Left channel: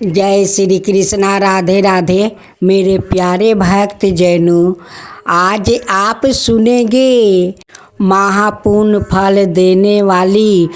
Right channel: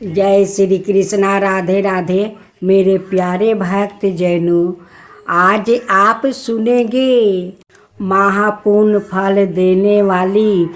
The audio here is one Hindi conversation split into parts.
जय श्री कृष्णा। राधे राधे मेरे प्यारे भक्त जैनों, आज आप सुनेंगे महापुण्य फल देने वाली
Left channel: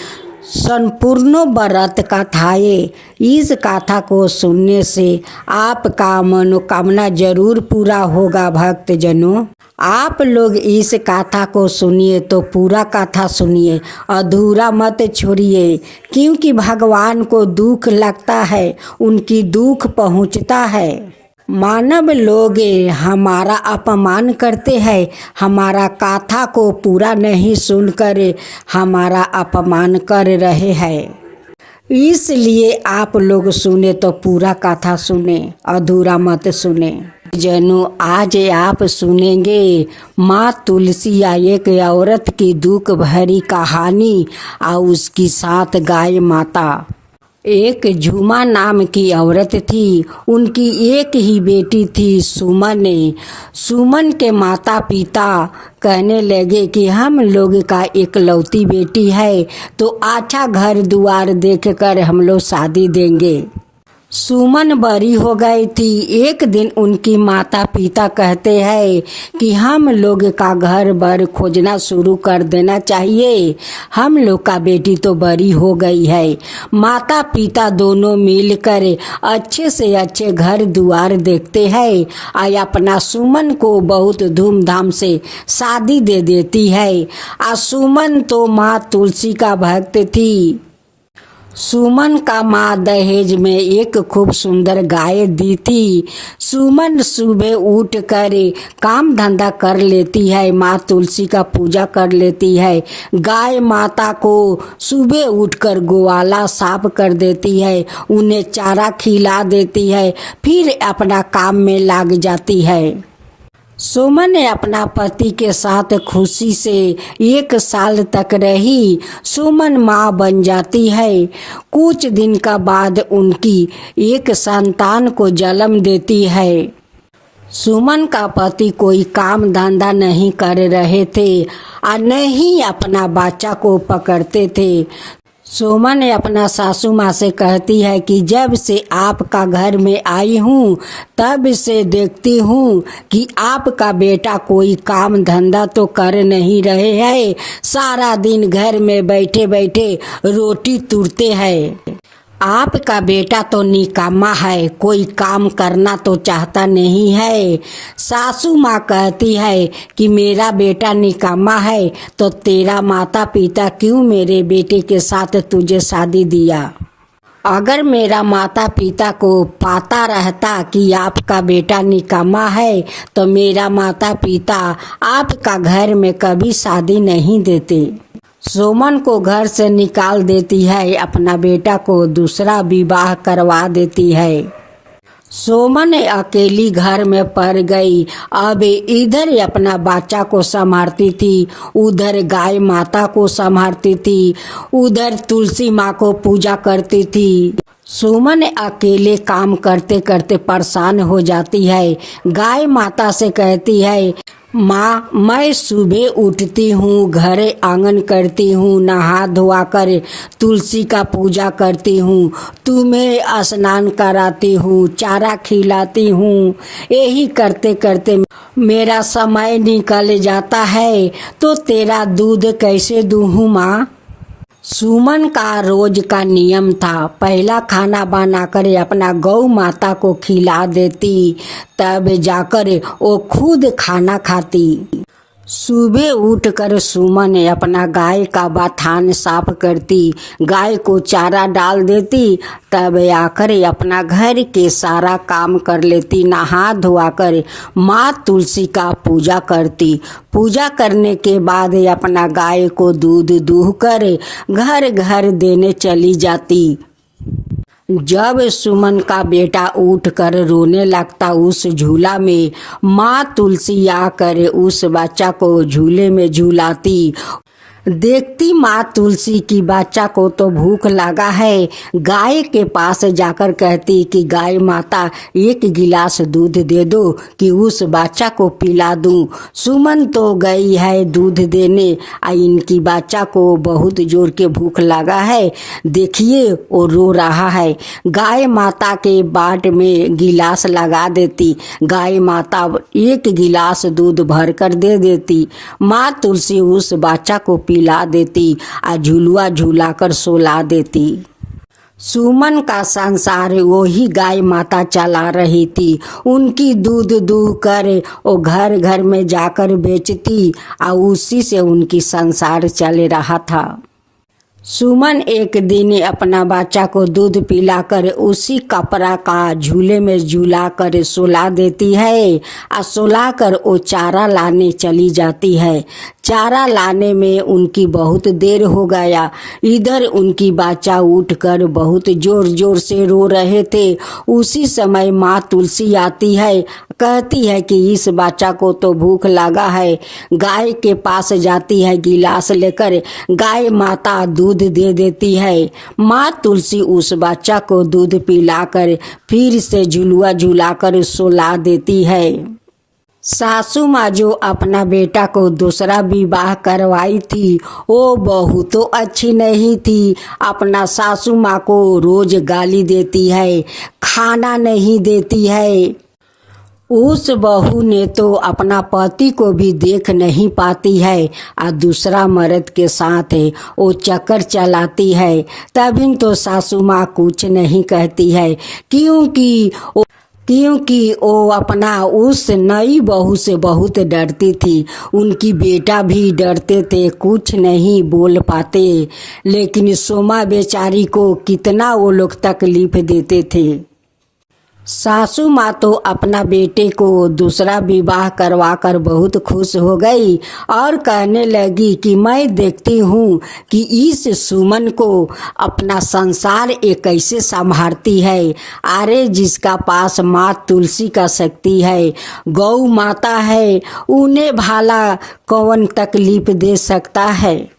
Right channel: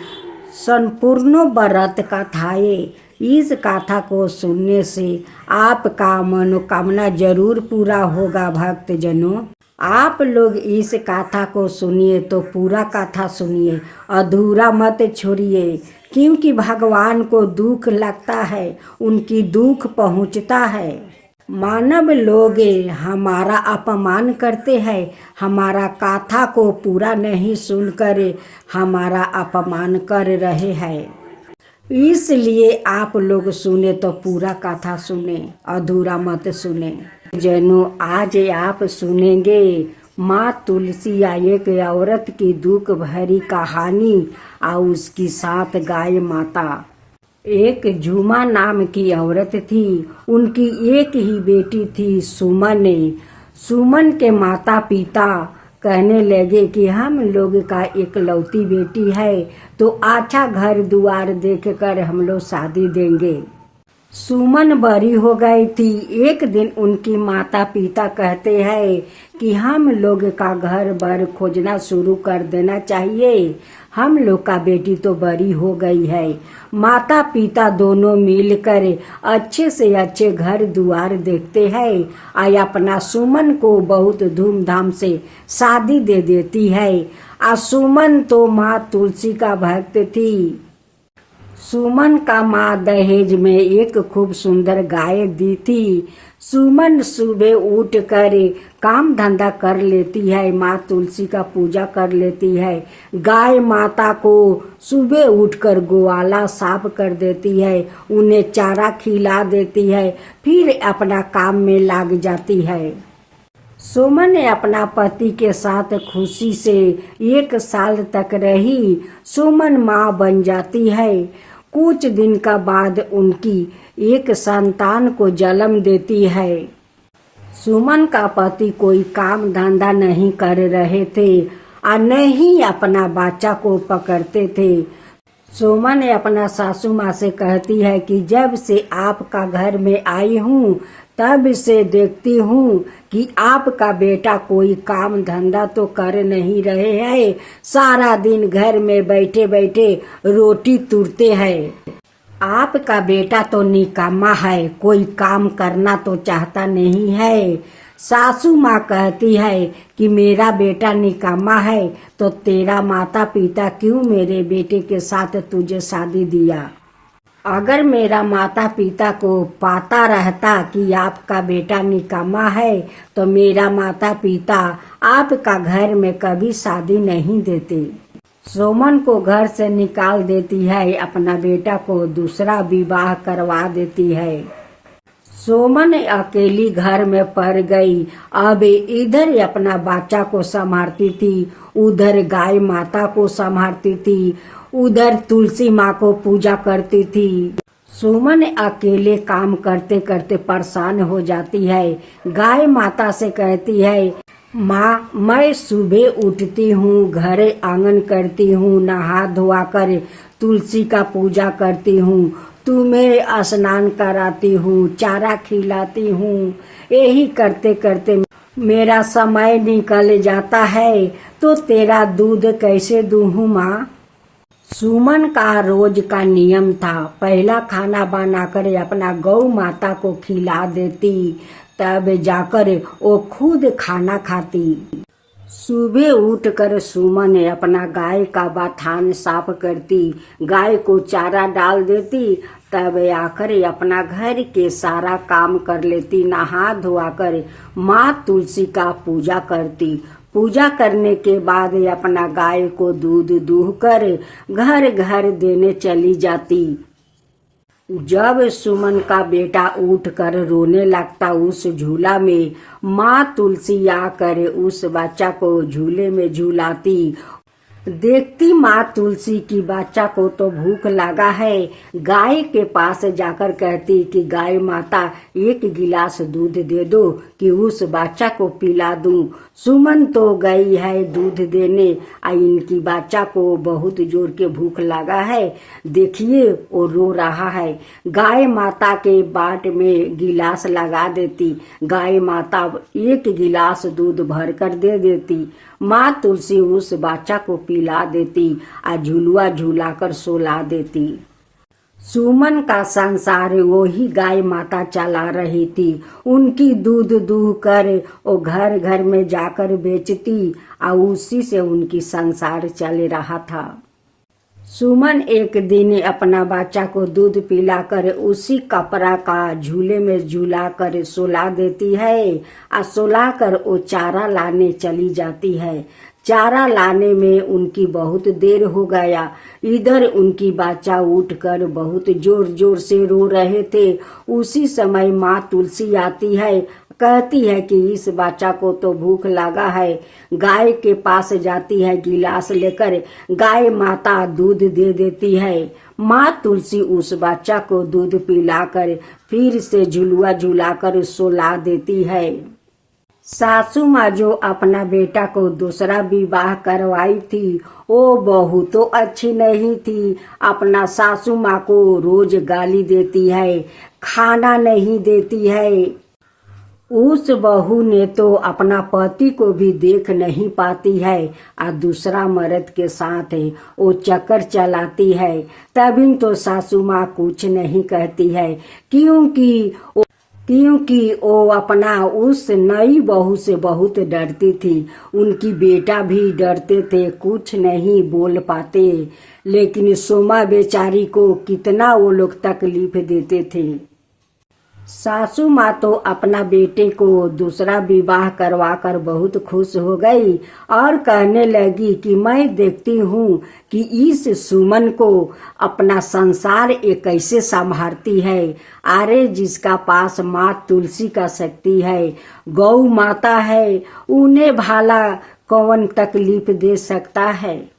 संपूर्ण व्रत कथाएं। इस कथा को सुनने से आपका मनोकामना जरूर पूरा होगा। भक्त जनों, आप लोग इस कथा को सुनिए तो पूरा कथा सुनिए, अधूरा मत छोड़िए, क्योंकि भगवान को दुख लगता है, उनकी दुख पहुंचता है। मानव लोग हमारा अपमान करते हैं, हमारा कथा को पूरा नहीं सुनकर हमारा अपमान कर रहे हैं। इसलिए आप लोग सुने तो पूरा कथा सुने, अधूरा मत सुने। जनों, आज आप सुनेंगे माँ तुलसी या एक औरत की दुख भरी कहानी और उसकी साथ गाय माता। एक झूमा नाम की औरत थी, उनकी एक ही बेटी थी सुमन। सुमन के माता पिता कहने लगे कि हम लोग का इकलौती बेटी है तो अच्छा घर द्वार देखकर हम लोग शादी देंगे। सुमन बड़ी हो गई थी। एक दिन उनकी माता पिता कहते हैं कि हम लोग का घर बार खोजना शुरू कर देना चाहिए, हम लोग का बेटी तो बड़ी हो गई है। माता पिता दोनों मिलकर अच्छे से अच्छे घर द्वार देखते हैं और अपना सुमन को बहुत धूमधाम से शादी दे देती है। सुमन तो माँ तुलसी का भक्त थी। सुमन का माँ दहेज में एक खूब सुंदर गाय दी थी। सुमन सुबह उठ कर काम धंधा कर लेती है, माँ तुलसी का पूजा कर लेती है। गाय माता को सुबह उठकर गोवाला साफ कर देती है, उन्हें चारा खिला देती है, फिर अपना काम में लग जाती है। सुमन अपना पति के साथ खुशी से 1 साल तक रही। सुमन माँ बन जाती है। कुछ दिन का बाद उनकी एक संतान को जन्म देती है। सुमन का पति कोई काम धंधा नहीं कर रहे थे और न ही अपना बच्चा को पकड़ते थे। सुमन अपना सासू माँ से कहती है कि जब से आपका घर में आई हूँ तब से देखती हूँ कि आपका बेटा कोई काम धंधा तो कर नहीं रहे हैं, सारा दिन घर में बैठे बैठे रोटी तुरते हैं। आपका बेटा तो निकामा है, कोई काम करना तो चाहता नहीं है। सासू माँ कहती है कि मेरा बेटा निकामा है तो तेरा माता पिता क्यों मेरे बेटे के साथ तुझे शादी दिया। अगर मेरा माता पिता को पता रहता कि आपका बेटा निकामा है तो मेरा माता पिता आपका घर में कभी शादी नहीं देते। सुमन को घर से निकाल देती है, अपना बेटा को दूसरा विवाह करवा देती है। सुमन अकेली घर में पड़ गई। अब इधर अपना बच्चा को संभालती थी, उधर गाय माता को संभालती थी, उधर तुलसी माँ को पूजा करती थी। सुमन अकेले काम करते करते परेशान हो जाती है। गाय माता से कहती है, माँ मैं सुबह उठती हूँ, घर आंगन करती हूँ, नहा धोआ कर तुलसी का पूजा करती हूँ, तुम्हें स्नान कराती हूँ, चारा खिलाती हूँ, यही करते करते मेरा समय निकल जाता है तो तेरा दूध कैसे दूँ माँ। सुमन का रोज का नियम था, पहला खाना बनाकर अपना गौ माता को खिला देती, तब जाकर वो खुद खाना खाती। सुबह उठकर सुमन अपना गाय का बथान साफ करती, गाय को चारा डाल देती, तब आकर अपना घर के सारा काम कर लेती, नहा धोआ कर माँ तुलसी का पूजा करती। पूजा करने के बाद अपना गाय को दूध दूहकर घर घर देने चली जाती। जब सुमन का बेटा उठकर रोने लगता उस झूला में, माँ तुलसी आकर उस बच्चा को झूले में झूलाती। देखती माँ तुलसी की बच्चा को तो भूख लगा है। गाय के पास जाकर कहती कि गाय माता एक गिलास दूध दे दो कि उस बच्चा को पिला दूं। सुमन तो गई है दूध देने, इनकी बच्चा को बहुत जोर के भूख लगा है। देखिए वो रो रहा है। गाय माता के बाट में गिलास लगा देती। गाय माता एक गिलास दूध भर कर दे देती। माँ तुलसी उस बच्चा को पिला देती और झुलुआ झुलाकर सोला देती। सुमन का संसार वही गाय माता चला रही थी। उनकी दूध दूह कर वो घर घर में जाकर बेचती और उसी से उनकी संसार चल रहा था। सुमन एक दिन अपना बच्चा को दूध पिलाकर उसी कपड़ा का झूले में झूला कर सुला देती है और सुला कर वो चारा लाने चली जाती है। चारा लाने में उनकी बहुत देर हो गया। इधर उनकी बच्चा उठकर बहुत जोर जोर से रो रहे थे। उसी समय माँ तुलसी आती है, कहती है कि इस बच्चा को तो भूख लगा है। गाय के पास जाती है गिलास लेकर। गाय माता दूध दे देती है। माँ तुलसी उस बच्चा को दूध पिलाकर फिर से झुलुआ झुलाकर सुला देती है। सासू माँ जो अपना बेटा को दूसरा विवाह करवाई थी वो बहू तो अच्छी नहीं थी। अपना सासू माँ को रोज गाली देती है, खाना नहीं देती है। उस बहू ने तो अपना पति को भी देख नहीं पाती है और दूसरा मर्द के साथ है वो चक्कर चलाती है। तभी तो सासू माँ कुछ नहीं कहती है, क्योंकि वो अपना उस नई बहू से बहुत डरती थी। उनकी बेटा भी डरते थे, कुछ नहीं बोल पाते। लेकिन सोमा बेचारी को कितना वो लोग तकलीफ देते थे। सासू माँ तो अपना बेटे को दूसरा विवाह करवाकर बहुत खुश हो गई और कहने लगी कि मैं देखती हूँ कि इस सुमन को अपना संसार ये कैसे संभालती है। अरे जिसका पास माँ तुलसी का शक्ति है, गौ माता है, उन्हें भाला कौन तकलीफ दे सकता है।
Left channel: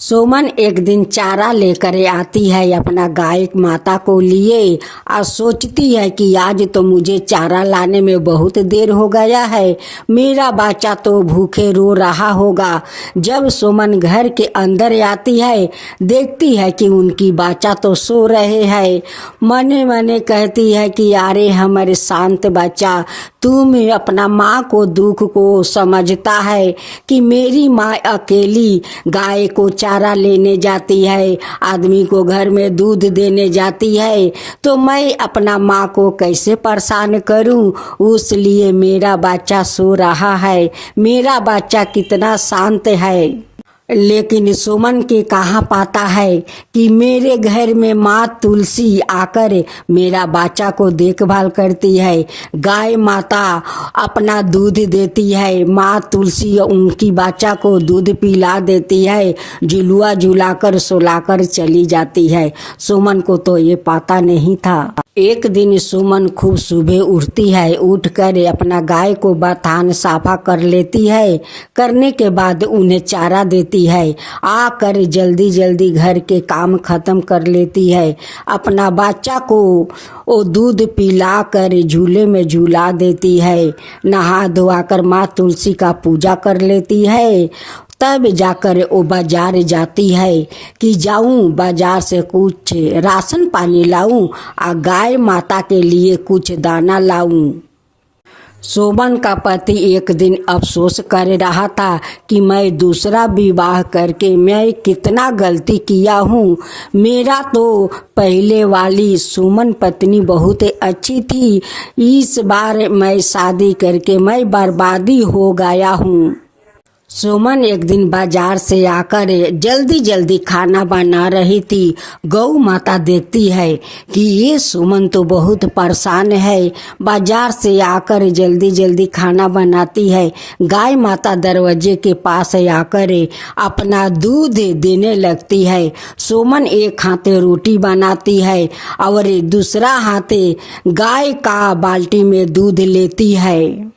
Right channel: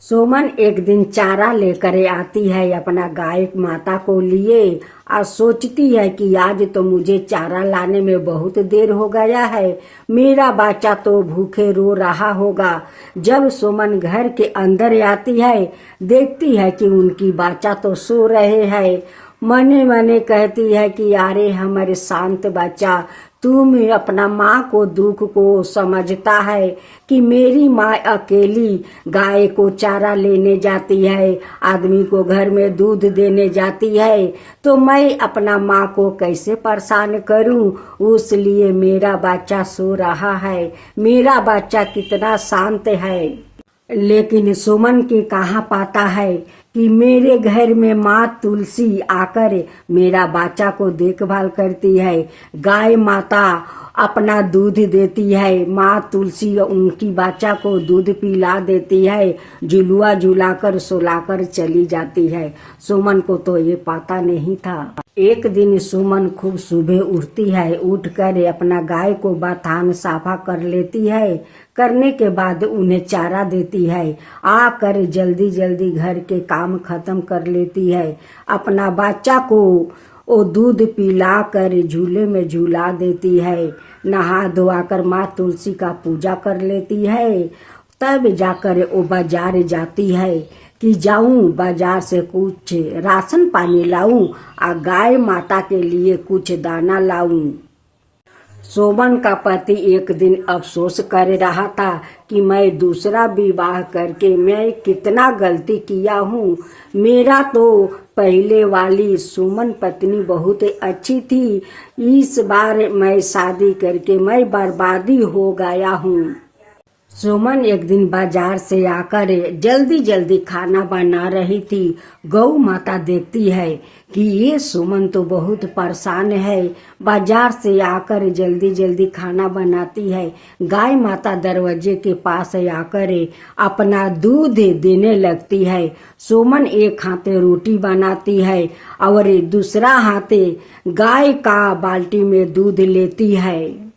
सुमन एक दिन चारा लेकर आती है अपना गाय माता को लिए और सोचती है कि आज तो मुझे चारा लाने में बहुत देर हो गया है, मेरा बच्चा तो भूखे रो रहा होगा। जब सुमन घर के अंदर आती है देखती है कि उनकी बच्चा तो सो रहे हैं। मने मने कहती है कि अरे हमारे शांत बच्चा, तुम अपना माँ को दुख को समझता है कि मेरी माँ अकेली गाय को चारा लेने जाती है, आदमी को घर में दूध देने जाती है, तो मैं अपना माँ को कैसे परेशान करूं। उसलिए मेरा बच्चा सो रहा है, मेरा बच्चा कितना शांत है। लेकिन सुमन के कहाँ पाता है कि मेरे घर में माँ तुलसी आकर मेरा बच्चा को देखभाल करती है। गाय माता अपना दूध देती है, माँ तुलसी उनकी बच्चा को दूध पिला देती है, झुलुआ झुलाकर सुलाकर चली जाती है। सुमन को तो ये पता नहीं था। एक दिन सुमन खूब सुबह उठती है, उठकर अपना गाय को बथान साफा कर लेती है। करने के बाद उन्हें चारा देती है। आकर जल्दी जल्दी घर के काम खत्म कर लेती है। अपना बच्चा को वो दूध पिलाकर झूले में झूला देती है। नहा धोआकर माँ तुलसी का पूजा कर लेती है। तब जाकर वो बाजार जाती है कि जाऊं बाजार से कुछ राशन पानी लाऊं और गाय माता के लिए कुछ दाना लाऊं। सुमन का पति एक दिन अफसोस कर रहा था कि मैं दूसरा विवाह करके मैं कितना गलती किया हूँ। मेरा तो पहले वाली सुमन पत्नी बहुत अच्छी थी, इस बार मैं शादी करके मैं बर्बादी हो गया हूँ। सुमन एक दिन बाजार से आकर जल्दी जल्दी खाना बना रही थी। गौ माता देखती है कि ये सुमन तो बहुत परेशान है, बाजार से आकर जल्दी जल्दी खाना बनाती है। गाय माता दरवाजे के पास आकर अपना दूध देने लगती है। सुमन एक हाथे रोटी बनाती है और दूसरा हाथे गाय का बाल्टी में दूध लेती है।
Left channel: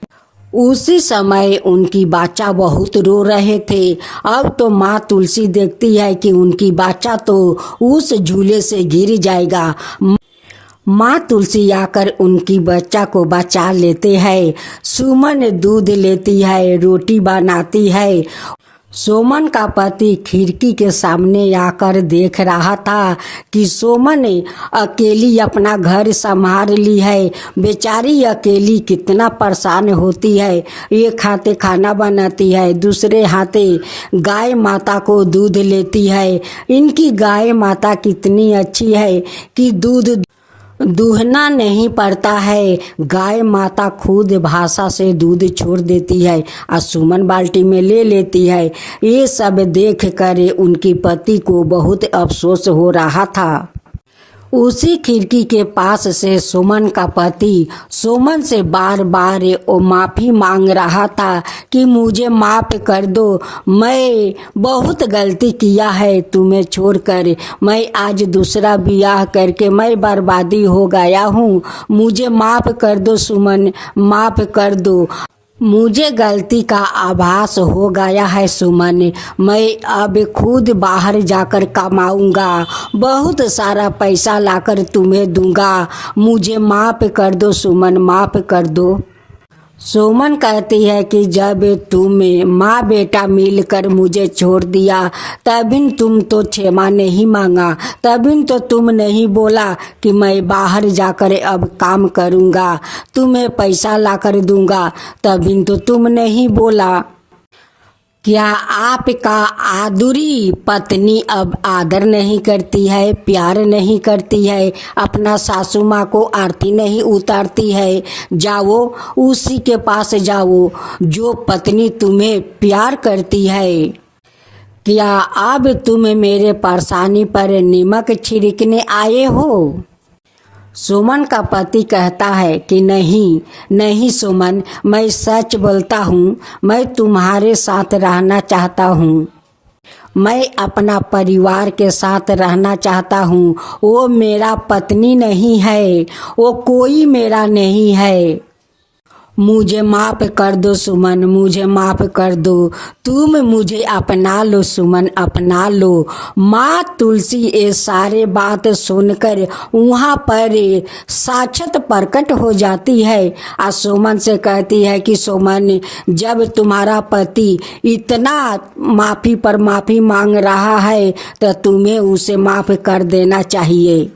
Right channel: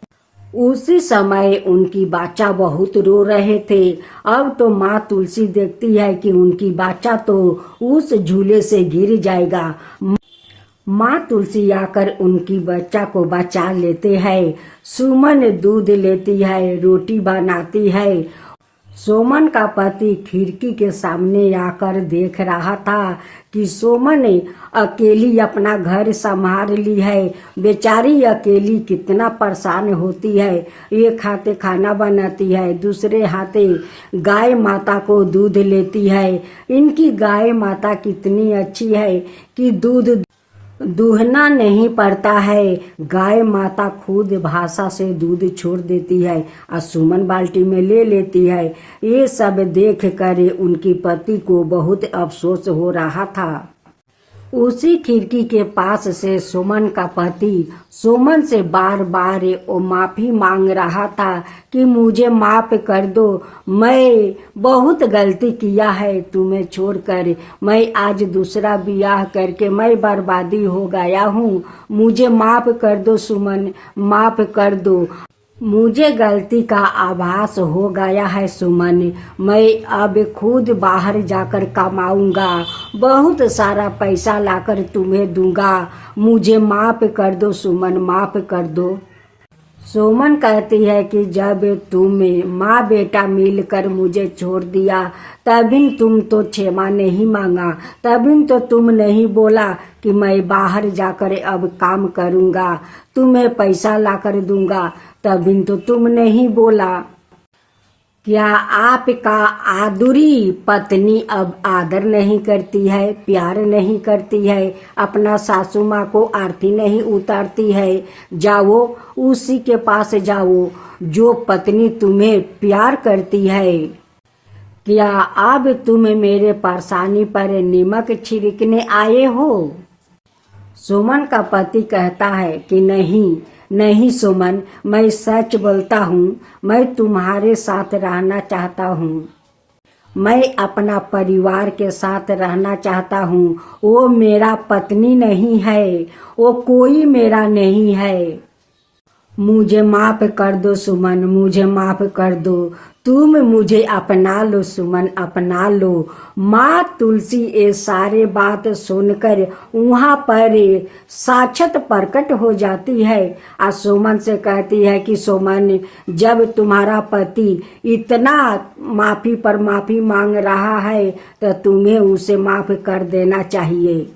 उसी समय उनकी बच्चा बहुत रो रहे थे। अब तो माँ तुलसी देखती है कि उनकी बच्चा तो उस झूले से गिर जाएगा। माँ तुलसी आकर उनकी बच्चा को बचा लेते हैं। सुमन दूध लेती है, रोटी बनाती है। सोमन का पति खिड़की के सामने आकर देख रहा था कि सोमन अकेली अपना घर संभाल ली है। बेचारी अकेली कितना परेशान होती है। एक हाथे खाना बनाती है, दूसरे हाथे गाय माता को दूध लेती है। इनकी गाय माता कितनी अच्छी है कि दूध दूहना नहीं पड़ता है। गाय माता खुद भाषा से दूध छोड़ देती है और सुमन बाल्टी में ले लेती है। ये सब देख कर उनकी पति को बहुत अफसोस हो रहा था। उसी खिड़की के पास से सुमन का पति सुमन से बार बार माफ़ी मांग रहा था कि मुझे माफ़ कर दो, मैं बहुत गलती किया है तुम्हें छोड़कर। मैं आज दूसरा ब्याह करके मैं बर्बादी हो गया हूँ। मुझे माफ़ कर दो सुमन, माफ़ कर दो। मुझे गलती का आभास हो गया है सुमन। मैं अब खुद बाहर जाकर कमाऊंगा, बहुत सारा पैसा लाकर तुम्हें दूंगा। मुझे माफ़ कर दो सुमन, माफ़ कर दो। सुमन कहती है कि जब तुम माँ बेटा मिलकर मुझे छोड़ दिया तभी तुम तो क्षमा नहीं मांगा, तभी तो तुम नहीं बोला कि मैं बाहर जाकर अब काम करूँगा, तुम्हें पैसा लाकर दूंगा, तभी तो तुम नहीं बोला। क्या आपका आदुरी पत्नी अब आदर नहीं करती है, प्यार नहीं करती है, अपना सासू माँ को आरती नहीं उतारती है? जाओ उसी के पास जाओ जो पत्नी तुम्हें प्यार करती है। क्या अब तुम मेरे परेशानी पर नमक छिड़कने आए हो? सुमन का पति कहता है कि नहीं नहीं सुमन, मैं सच बोलता हूँ, मैं तुम्हारे साथ रहना चाहता हूँ। मैं अपना परिवार के साथ रहना चाहता हूँ। वो मेरा पत्नी नहीं है, वो कोई मेरा नहीं है। मुझे माफ़ कर दो सुमन, मुझे माफ़ कर दो। तुम मुझे अपना लो सुमन, अपना लो। माँ तुलसी ये सारे बात सुनकर वहाँ पर साक्षात प्रकट हो जाती है और सुमन से कहती है कि सुमन, जब तुम्हारा पति इतना माफ़ी पर माफ़ी मांग रहा है तो तुम्हें उसे माफ़ कर देना चाहिए।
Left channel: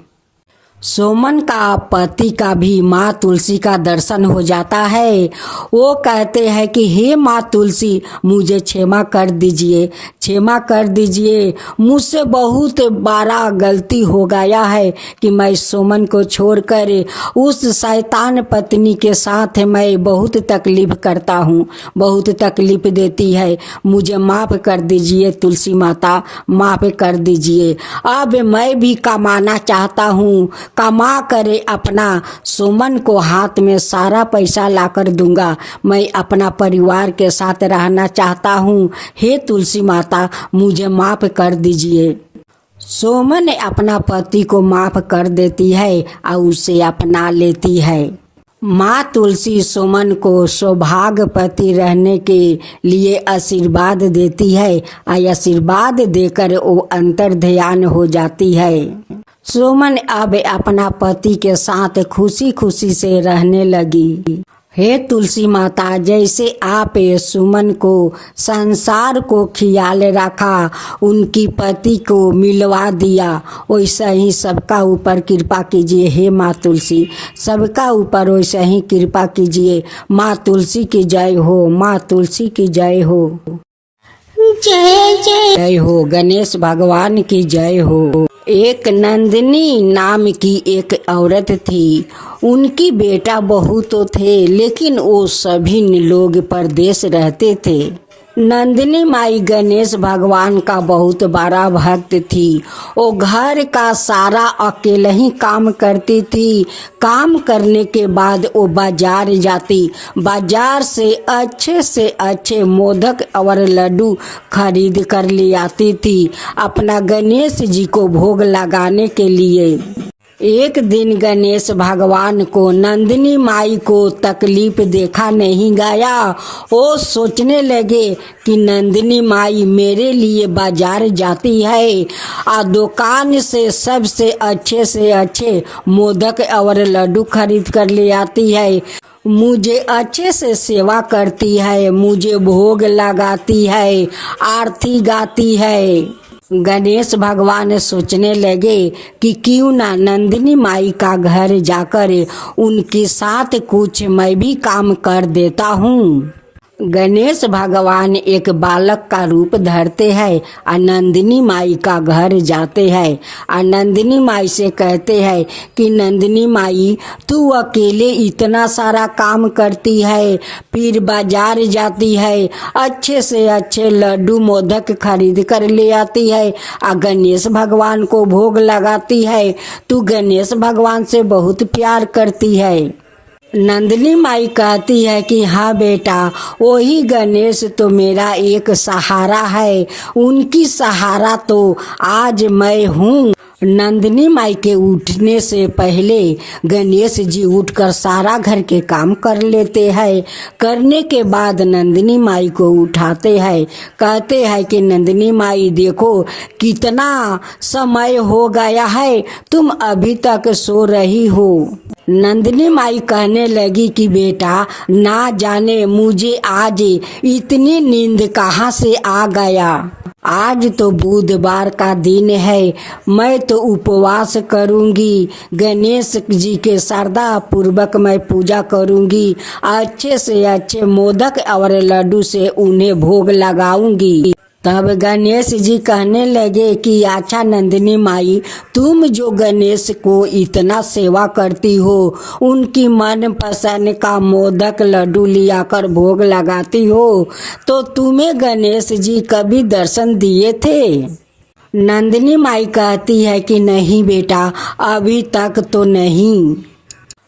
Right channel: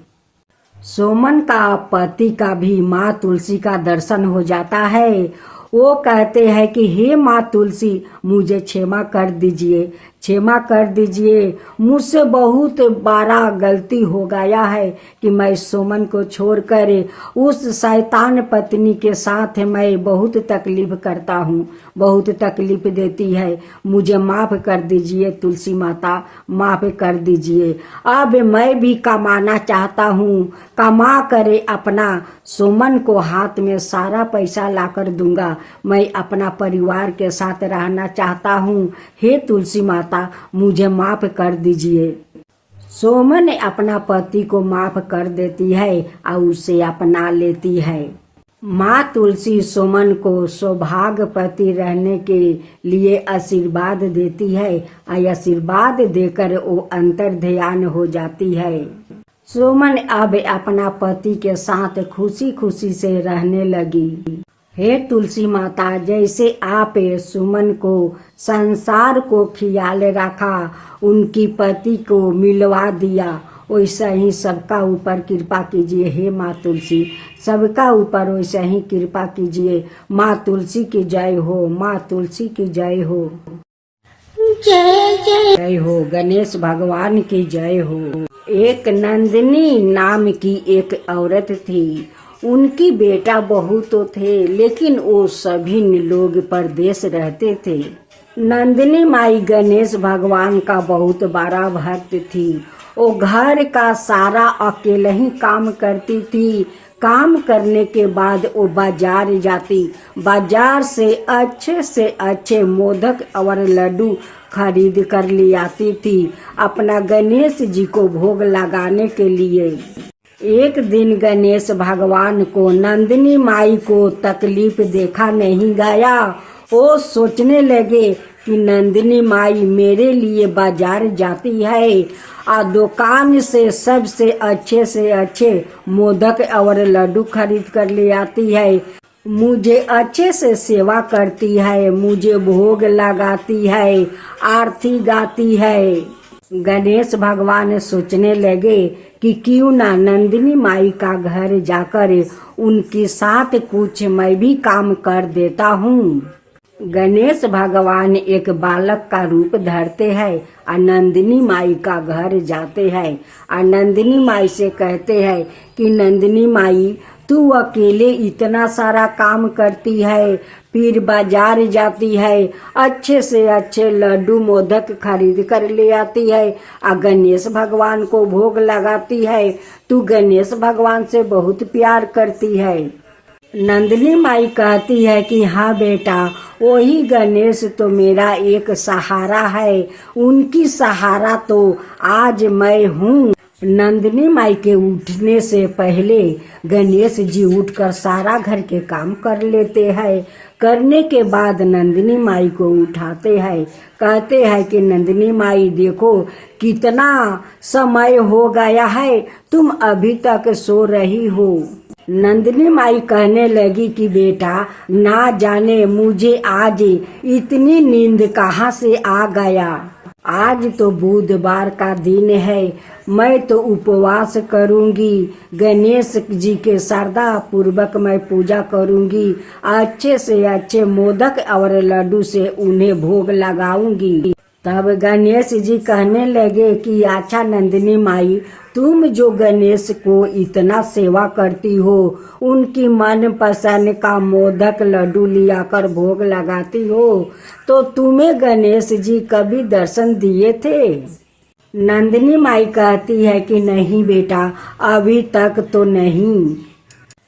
सुमन का पति का भी माँ तुलसी का दर्शन हो जाता है। वो कहते हैं कि हे माँ तुलसी, मुझे क्षमा कर दीजिए, क्षमा कर दीजिए। मुझसे बहुत बड़ा गलती हो गया है कि मैं सुमन को छोड़कर उस शैतान पत्नी के साथ मैं बहुत तकलीफ करता हूँ, बहुत तकलीफ देती है। मुझे माफ़ कर दीजिए तुलसी माता, माफ़ कर दीजिए। अब मैं भी कमाना चाहता हूँ, कमा करे अपना सुमन को हाथ में सारा पैसा लाकर दूंगा। मैं अपना परिवार के साथ रहना चाहता हूँ। हे तुलसी माता, मुझे माफ़ कर दीजिए। सुमन अपना पति को माफ़ कर देती है और उसे अपना लेती है। माँ तुलसी सुमन को सौभाग्यवती रहने के लिए आशीर्वाद देती है और आशीर्वाद देकर वो अंतर ध्यान हो जाती है। सुमन अब अपना पति के साथ खुशी खुशी से रहने लगी। हे तुलसी माता, जैसे आप सुमन को संसार को ख्याल रखा, उनकी पति को मिलवा दिया, वैसा ही सबका ऊपर कृपा कीजिए। हे माँ तुलसी, सबका ऊपर वैसा ही कृपा कीजिए। माँ तुलसी की जय हो, माँ तुलसी की जय हो। जय जय जय हो, गणेश भगवान की जय हो। एक नंदिनी नाम की एक औरत थी। उनकी बेटा बहू तो थे, लेकिन वो सभी लोग परदेश रहते थे। नंदिनी माई गणेश भगवान का बहुत बड़ा भक्त थी। वो घर का सारा अकेले ही काम करती थी। काम करने के बाद वो बाजार जाती, बाजार से अच्छे मोदक और लड्डू खरीद कर ले आती थी अपना गणेश जी को भोग लगाने के लिए। एक दिन गणेश भगवान को नंदिनी माई को तकलीफ देखा नहीं गया। वो सोचने लगे कि नंदिनी माई मेरे लिए बाजार जाती है और दुकान से सबसे अच्छे मोदक और लड्डू खरीद कर ले आती है, मुझे अच्छे से सेवा करती है, मुझे भोग लगाती है, आरती गाती है। गणेश भगवान सोचने लगे कि क्यों ना नंदिनी माई का घर जाकर उनके साथ कुछ मैं भी काम कर देता हूँ। गणेश भगवान एक बालक का रूप धरते हैं और नंदिनी माई का घर जाते हैं और नंदिनी माई से कहते हैं कि नंदिनी माई तू अकेले इतना सारा काम करती है, फिर बाजार जाती है, अच्छे से अच्छे लड्डू मोदक खरीद कर ले आती है और गणेश भगवान को भोग लगाती है, तू गणेश भगवान से बहुत प्यार करती है। नंदिनी माई कहती है कि हाँ बेटा, वही गणेश तो मेरा एक सहारा है, उनकी सहारा तो आज मैं हूँ। नंदिनी माई के उठने से पहले गणेश जी उठकर सारा घर के काम कर लेते हैं। करने के बाद नंदिनी माई को उठाते हैं, कहते हैं कि नंदिनी माई देखो कितना समय हो गया है, तुम अभी तक सो रही हो। नंदिनी माई कहने लगी कि बेटा ना जाने मुझे आज इतनी नींद कहाँ से आ गया। आज तो बुधवार का दिन है, मैं तो उपवास करूंगी, गणेश जी के श्रद्धा पूर्वक मैं पूजा करूंगी, अच्छे से अच्छे मोदक और लड्डू से उन्हें भोग लगाऊंगी। तब गणेश जी कहने लगे कि अच्छा नंदिनी माई, तुम जो गणेश को इतना सेवा करती हो, उनकी मन पसंद का मोदक लड्डू लिया कर भोग लगाती हो, तो तुम्हें गणेश जी कभी दर्शन दिए थे? नंदिनी माई कहती है कि नहीं बेटा, अभी तक तो नहीं।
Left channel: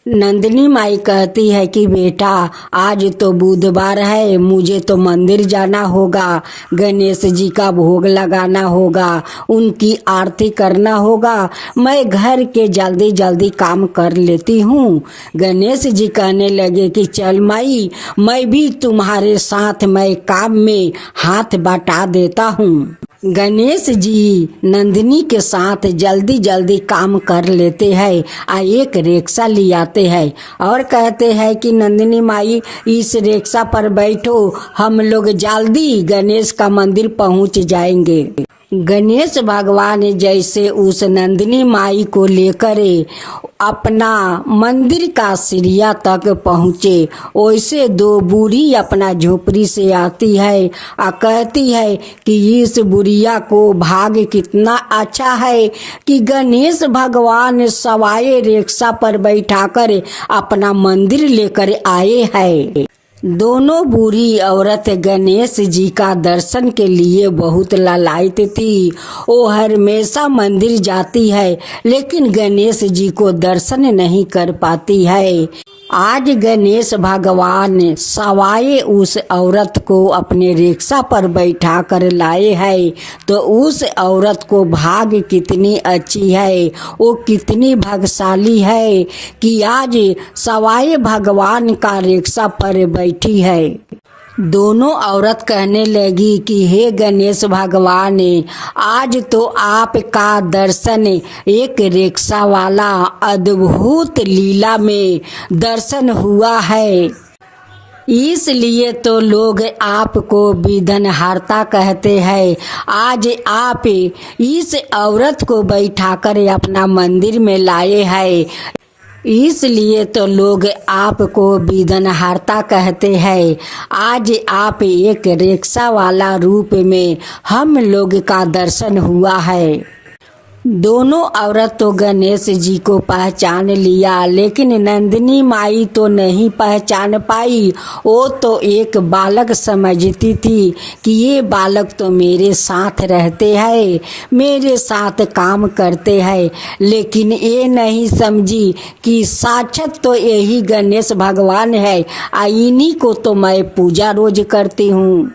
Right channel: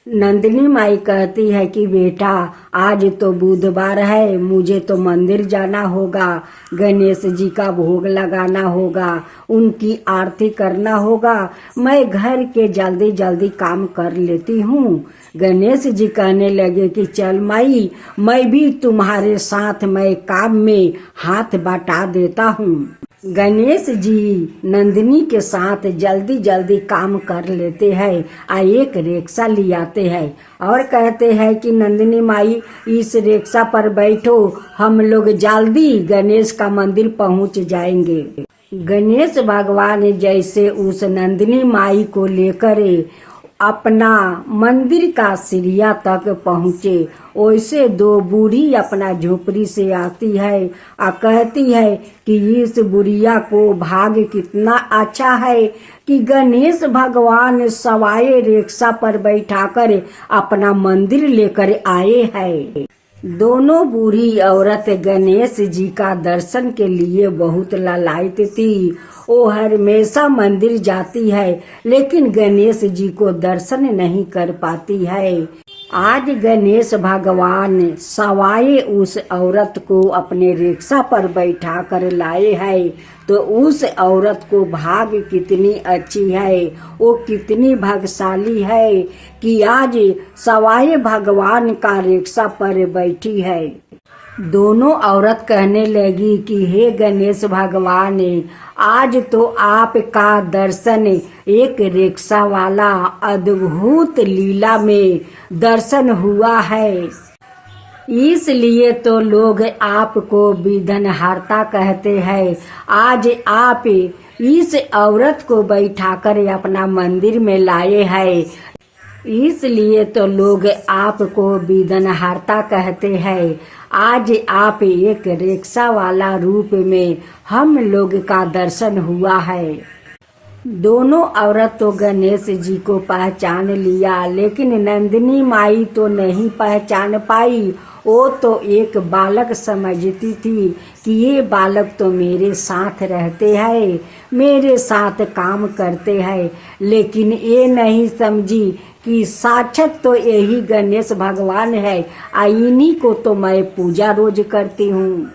नंदिनी माई कहती है कि बेटा आज तो बुधवार है, मुझे तो मंदिर जाना होगा, गणेश जी का भोग लगाना होगा, उनकी आरती करना होगा, मैं घर के जल्दी जल्दी काम कर लेती हूँ। गणेश जी कहने लगे कि चल माई, मैं भी तुम्हारे साथ मैं काम में हाथ बटा देता हूँ। गणेश जी नंदिनी के साथ जल्दी जल्दी काम कर लेते हैं और एक रिक्शा ले आते हैं और कहते हैं कि नंदिनी माई इस रिक्शा पर बैठो, हम लोग जल्दी गणेश का मंदिर पहुंच जाएंगे। गणेश भगवान जैसे उस नंदिनी माई को लेकर अपना मंदिर का सीढ़िया तक पहुँचे, वैसे दो बूढ़ी अपना झोपड़ी से आती है और कहती है कि इस बुढ़िया को भाग्य कितना अच्छा है कि गणेश भगवान सवाए रिक्शा पर बैठाकर अपना मंदिर लेकर आए हैं। दोनों बूढ़ी औरत गणेश जी का दर्शन के लिए बहुत लालायित थी। वो हमेशा मंदिर जाती है लेकिन गणेश जी को दर्शन नहीं कर पाती है। आज गणेश भगवान सवाए उस औरत को अपने रिक्शा पर बैठा कर लाए हैं, तो उस औरत को भाग्य कितनी अच्छी है, वो कितनी भाग्यशाली है कि आज सवाए भगवान का रिक्शा पर बैठी है। दोनों औरत कहने लगी कि हे गणेश भगवान, आज तो आपका दर्शन एक रिक्शा वाला अद्भुत लीला में दर्शन हुआ है, इसलिए तो लोग आपको विघ्नहर्ता कहते हैं। आज आप इस औरत को बैठाकर अपना मंदिर में लाए हैं, इसलिए तो लोग आपको विघ्नहर्ता कहते हैं। आज आप एक रिक्शा वाला रूप में हम लोग का दर्शन हुआ है। दोनों औरत तो गणेश जी को पहचान लिया, लेकिन नंदिनी माई तो नहीं पहचान पाई। वो तो एक बालक समझती थी कि ये बालक तो मेरे साथ रहते हैं, मेरे साथ काम करते हैं, लेकिन ये नहीं समझी कि साक्षात तो यही गणेश भगवान है, इन्हीं को तो मैं पूजा रोज करती हूँ।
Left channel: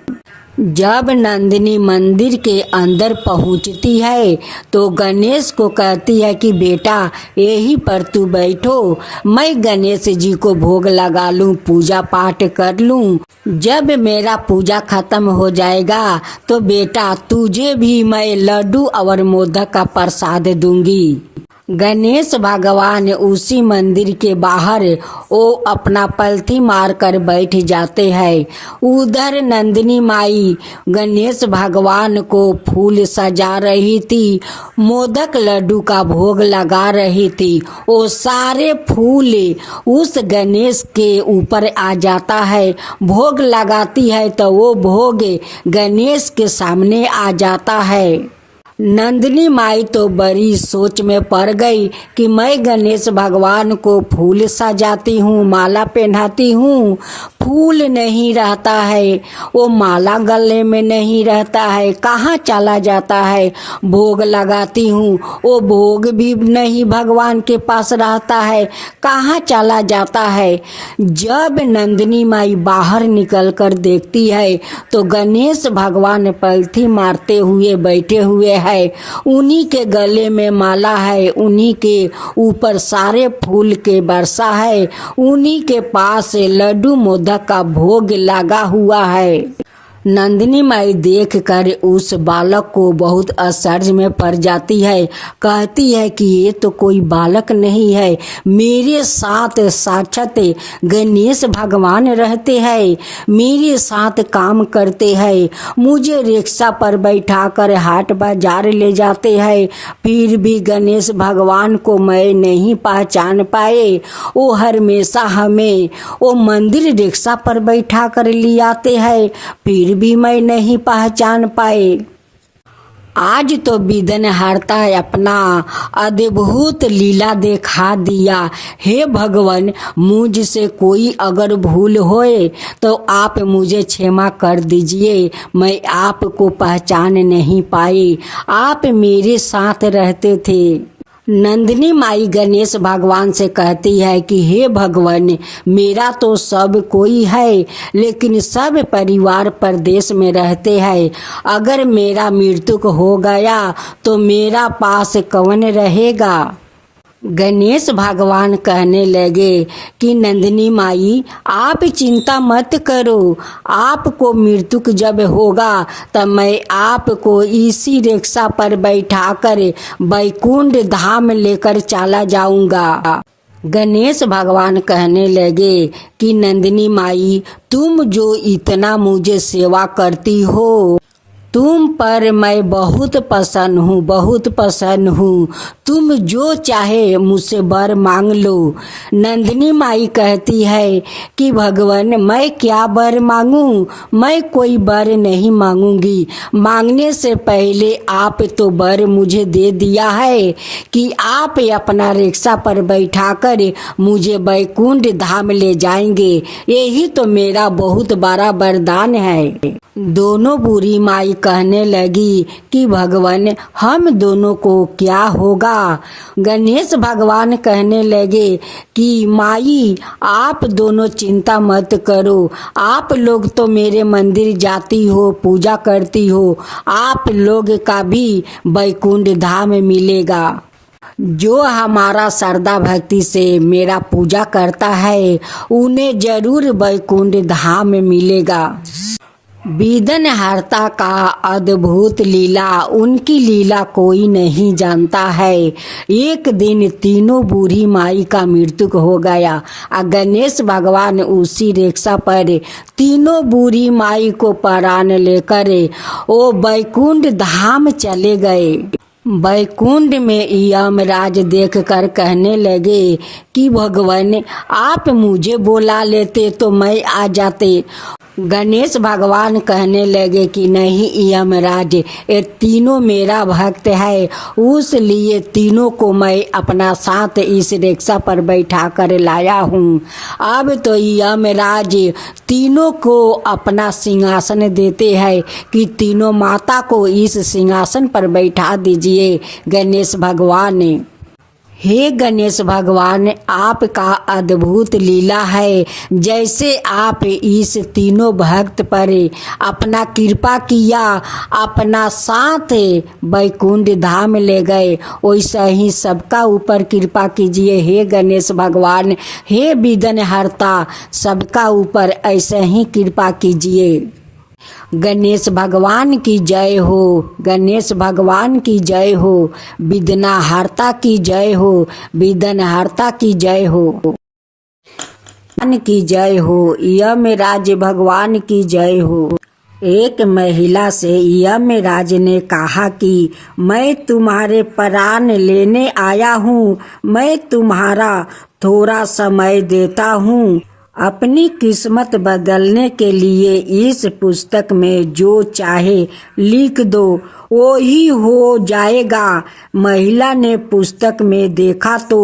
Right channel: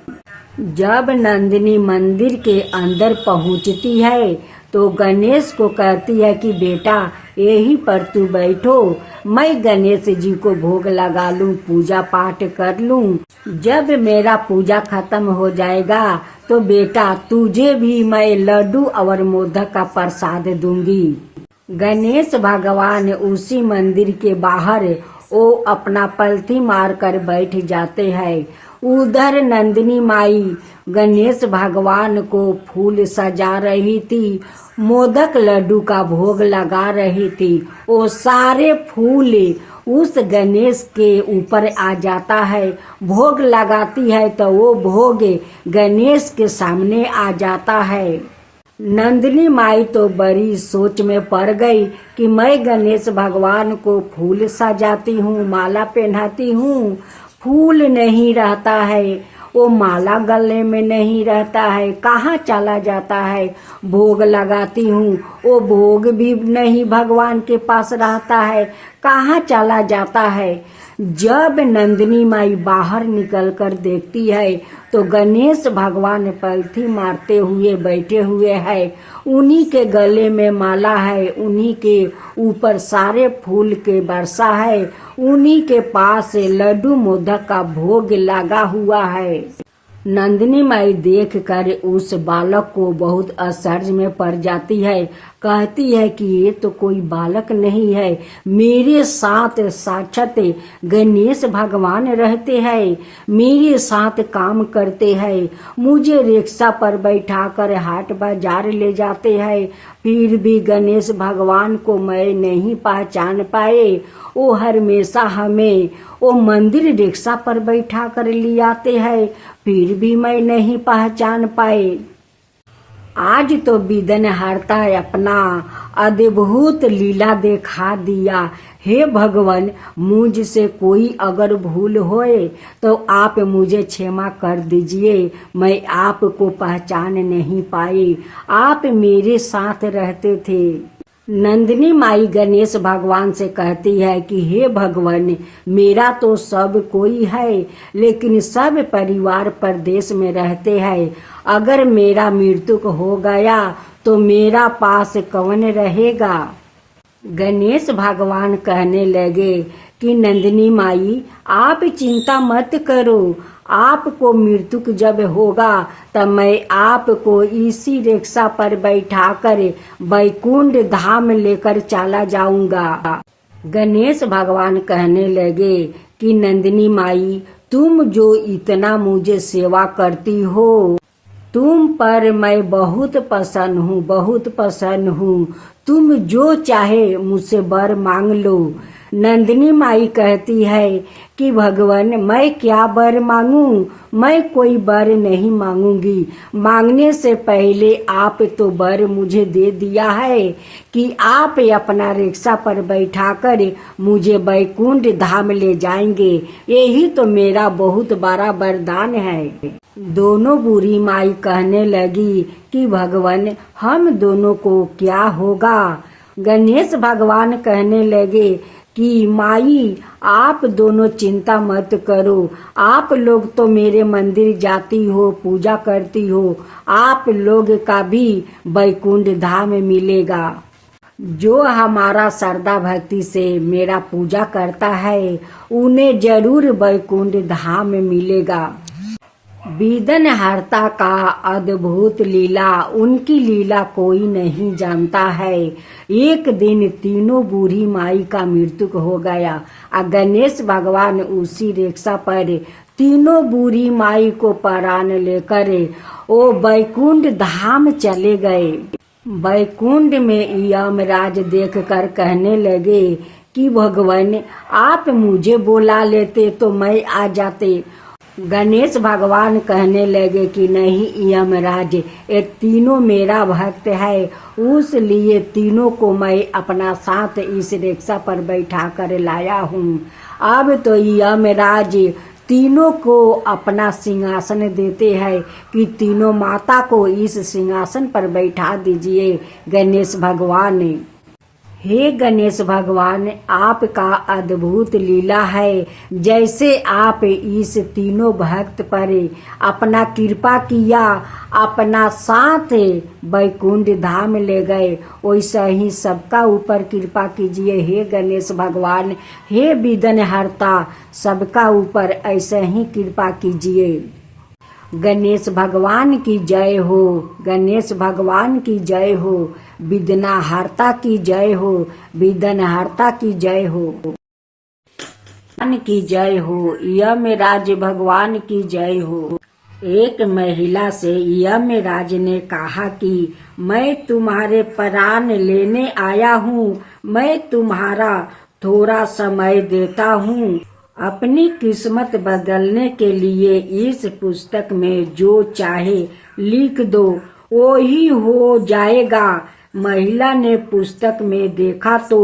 जब नंदिनी मंदिर के अंदर पहुंचती है तो गणेश को कहती है कि बेटा यहीं पर तू बैठो, मैं गणेश जी को भोग लगा लूं, पूजा पाठ कर लूं। जब मेरा पूजा खत्म हो जाएगा तो बेटा तुझे भी मैं लड्डू और मोदक का प्रसाद दूंगी। गणेश भगवान उसी मंदिर के बाहर वो अपना पलथी मार कर बैठ जाते हैं। उधर नंदिनी माई गणेश भगवान को फूल सजा रही थी, मोदक लड्डू का भोग लगा रही थी। वो सारे फूल उस गणेश के ऊपर आ जाता है, भोग लगाती है तो वो भोग गणेश के सामने आ जाता है। नंदिनी माई तो बड़ी सोच में पड़ गई कि मैं गणेश भगवान को फूल सजाती हूँ, माला पहनाती हूँ, फूल नहीं रहता है, वो माला गले में नहीं रहता है, कहाँ चला जाता है। भोग लगाती हूँ, वो भोग भी नहीं भगवान के पास रहता है, कहाँ चला जाता है। जब नंदिनी माई बाहर निकल कर देखती है तो गणेश भगवान पलथी मारते हुए बैठे हुए है, उन्हीं के गले में माला है, उन्हीं के ऊपर सारे फूल के वर्षा है, उन्हीं के पास लड्डू मोदक का भोग लगा हुआ है। नंदिनी माई देख कर उस बालक को बहुत आश्चर्य में पड़ जाती है। कहती है कि ये तो कोई बालक नहीं है, मेरे साथ साक्षात गणेश भगवान रहते हैं, मेरे साथ काम करते हैं, मुझे रिक्शा पर बैठा कर हाट बाजार ले जाते हैं, फिर भी गणेश भगवान को मैं नहीं पहचान पाए। वो हमेशा हमें वो मंदिर रिक्शा पर बैठा कर ले आते हैं, फिर भी मैं नहीं पहचान पाए। आज तो बिदनहर्ता अपना अद्भुत लीला दिखा दिया। हे भगवान, मुझसे कोई अगर भूल होए तो आप मुझे क्षमा कर दीजिए, मैं आपको पहचान नहीं पाई, आप मेरे साथ रहते थे। नंदिनी माई गणेश भगवान से कहती है कि हे भगवान, मेरा तो सब कोई है, लेकिन सब परिवार परदेश में रहते हैं, अगर मेरा मृत्यु हो गया तो मेरा पास कौन रहेगा। गणेश भगवान कहने लगे कि नंदिनी माई आप चिंता मत करो, आपको मृत्यु जब होगा तब मैं आपको इसी रिक्शा पर बैठाकर बैकुंठ धाम लेकर चला जाऊंगा। गणेश भगवान कहने लगे कि नंदिनी माई तुम जो इतना मुझे सेवा करती हो, तुम पर मैं बहुत प्रसन्न हूँ, बहुत प्रसन्न हूँ, तुम जो चाहे मुझसे वर मांग लो। नंदिनी माई कहती है कि भगवान मैं क्या वर मांगूं, मैं कोई वर नहीं मांगूंगी, मांगने से पहले आप तो वर मुझे दे दिया है कि आप अपना रिक्शा पर बैठाकर मुझे बैकुंठ धाम ले जाएंगे, यही तो मेरा बहुत बड़ा वरदान है। दोनों बूढ़ी माई कहने लगी कि भगवान हम दोनों को क्या होगा। गणेश भगवान कहने लगे कि माई आप दोनों चिंता मत करो, आप लोग तो मेरे मंदिर जाती हो, पूजा करती हो, आप लोग का भी बैकुंठ धाम मिलेगा। जो हमारा श्रद्धा भक्ति से मेरा पूजा करता है उन्हें जरूर बैकुंठ धाम मिलेगा। बिदनहर्ता का अद्भुत लीला, उनकी लीला कोई नहीं जानता है। एक दिन तीनों बूढ़ी माई का मृत्यु हो गया और गणेश भगवान उसी रिक्शा पर तीनों बूढ़ी माई को प्राण लेकर वो बैकुंठ धाम चले गए। बैकुंठ में यमराज देखकर कहने लगे कि भगवान आप मुझे बुला लेते तो मैं आ जाते। गणेश भगवान कहने लगे कि नहीं यमराज, ये तीनों मेरा भक्त है, उसलिए तीनों को मैं अपना साथ इस रिक्शा पर बैठा कर लाया हूँ। अब तो यमराज तीनों को अपना सिंहासन देते हैं कि तीनों माता को इस सिंहासन पर बैठा दीजिए। गणेश भगवान ने हे गणेश भगवान, आपका अद्भुत लीला है। जैसे आप इस तीनों भक्त पर अपना कृपा किया, अपना साथ वैकुंठ धाम ले गए, वैसा ही सबका ऊपर कृपा कीजिए हे गणेश भगवान। हे विघ्न हरता, सबका ऊपर ऐसे ही कृपा कीजिए। गणेश भगवान की जय हो, गणेश भगवान की जय हो, विघ्न हरता की जय हो, विघ्न हरता की जय हो, भगवान की जय हो, यमराज भगवान की जय हो। एक महिला से यमराज ने कहा कि मैं तुम्हारे प्राण लेने आया हूँ, मैं तुम्हारा थोड़ा समय देता हूँ। अपनी किस्मत बदलने के लिए इस पुस्तक में जो चाहे लिख दो, वो ही हो जाएगा। महिला ने पुस्तक में देखा तो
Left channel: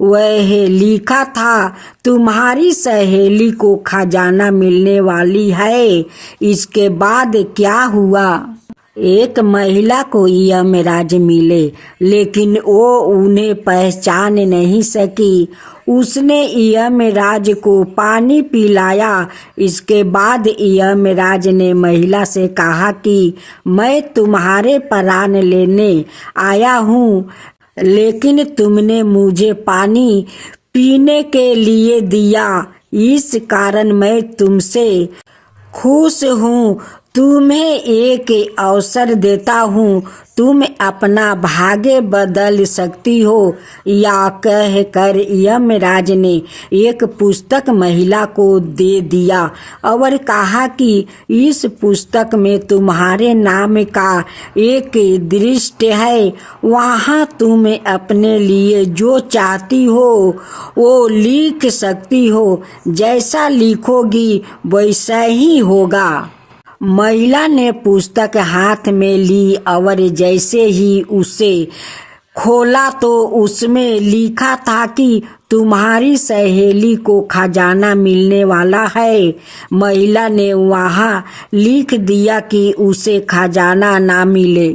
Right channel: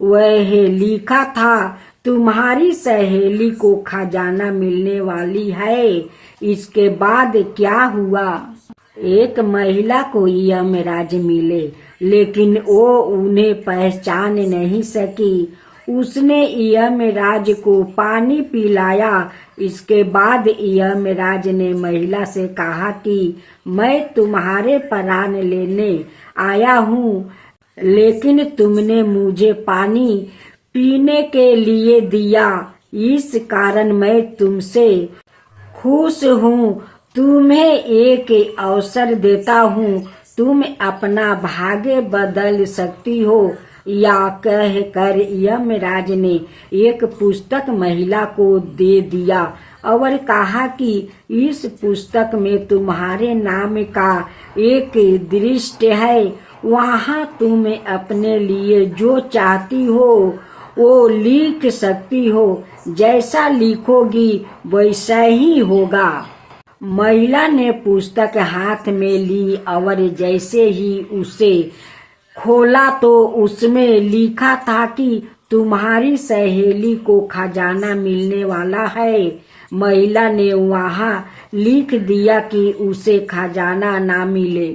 वह लिखा था, तुम्हारी सहेली को खजाना मिलने वाली है। इसके बाद क्या हुआ? एक महिला को यमराज मिले, लेकिन वो उन्हें पहचान नहीं सकी। उसने यमराज को पानी पिलाया। इसके बाद यमराज ने महिला से कहा कि मैं तुम्हारे प्राण लेने आया हूँ, लेकिन तुमने मुझे पानी पीने के लिए दिया, इस कारण मैं तुमसे खुश हूँ। तुम्हें एक अवसर देता हूँ, तुम अपना भाग्य बदल सकती हो। या कहकर यमराज ने एक पुस्तक महिला को दे दिया और कहा कि इस पुस्तक में तुम्हारे नाम का एक दृष्टि है, वहाँ तुम अपने लिए जो चाहती हो वो लिख सकती हो। जैसा लिखोगी वैसा ही होगा। महिला ने पुस्तक हाथ में ली और जैसे ही उसे खोला तो उसमें लिखा था कि तुम्हारी सहेली को खजाना मिलने वाला है। महिला ने वहाँ लिख दिया कि उसे खजाना ना मिले।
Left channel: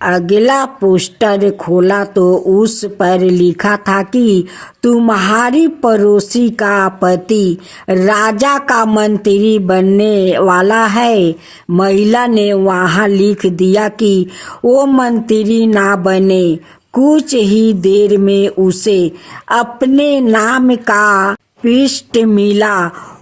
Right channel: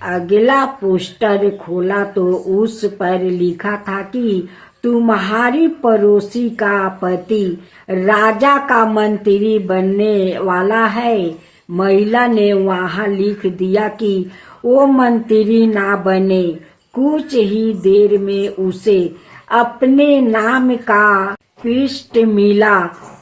अगला पोस्टर खोला तो उस पर लिखा था कि तुम्हारी पड़ोसी का पति राजा का मंत्री बनने वाला है। महिला ने वहाँ लिख दिया कि वो मंत्री ना बने। कुछ ही देर में उसे अपने नाम का पृष्ठ मिला।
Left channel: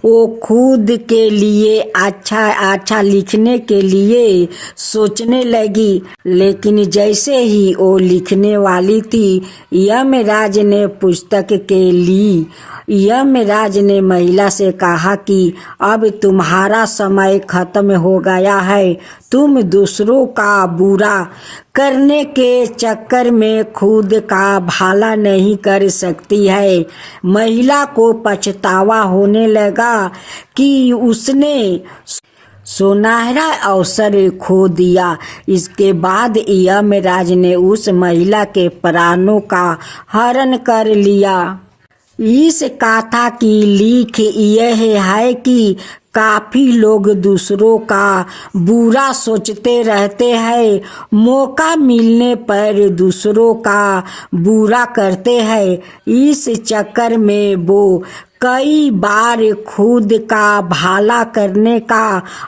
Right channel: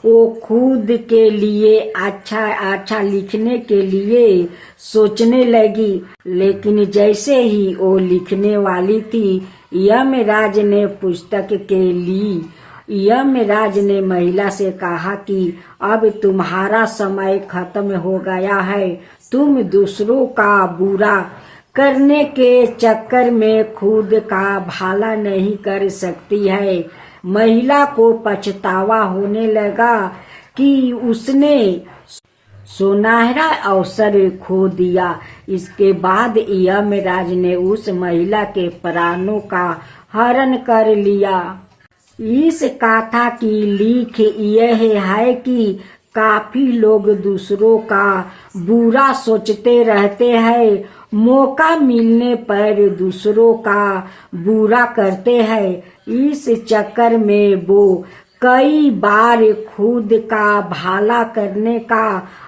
वो खुद के लिए अच्छा लिखने के लिए सोचने लगी, लेकिन जैसे ही वो लिखने वाली थी, यमराज ने पुस्तक के ली। यमराज ने महिला से कहा कि अब तुम्हारा समय खत्म हो गया है। तुम दूसरों का बुरा करने के चक्कर में खुद का भला नहीं कर सकती है। महिला को पछतावा होने लगा कि उसने सुनहरा अवसर खो दिया। इसके बाद यमराज ने उस महिला के प्राणों का हरण कर लिया। इस कथा की लिख यह है कि काफी लोग दूसरों का बुरा सोचते रहते हैं, मौका मिलने पर दूसरों का बुरा करते हैं। इस चक्कर में वो कई बार खुद का भला करने का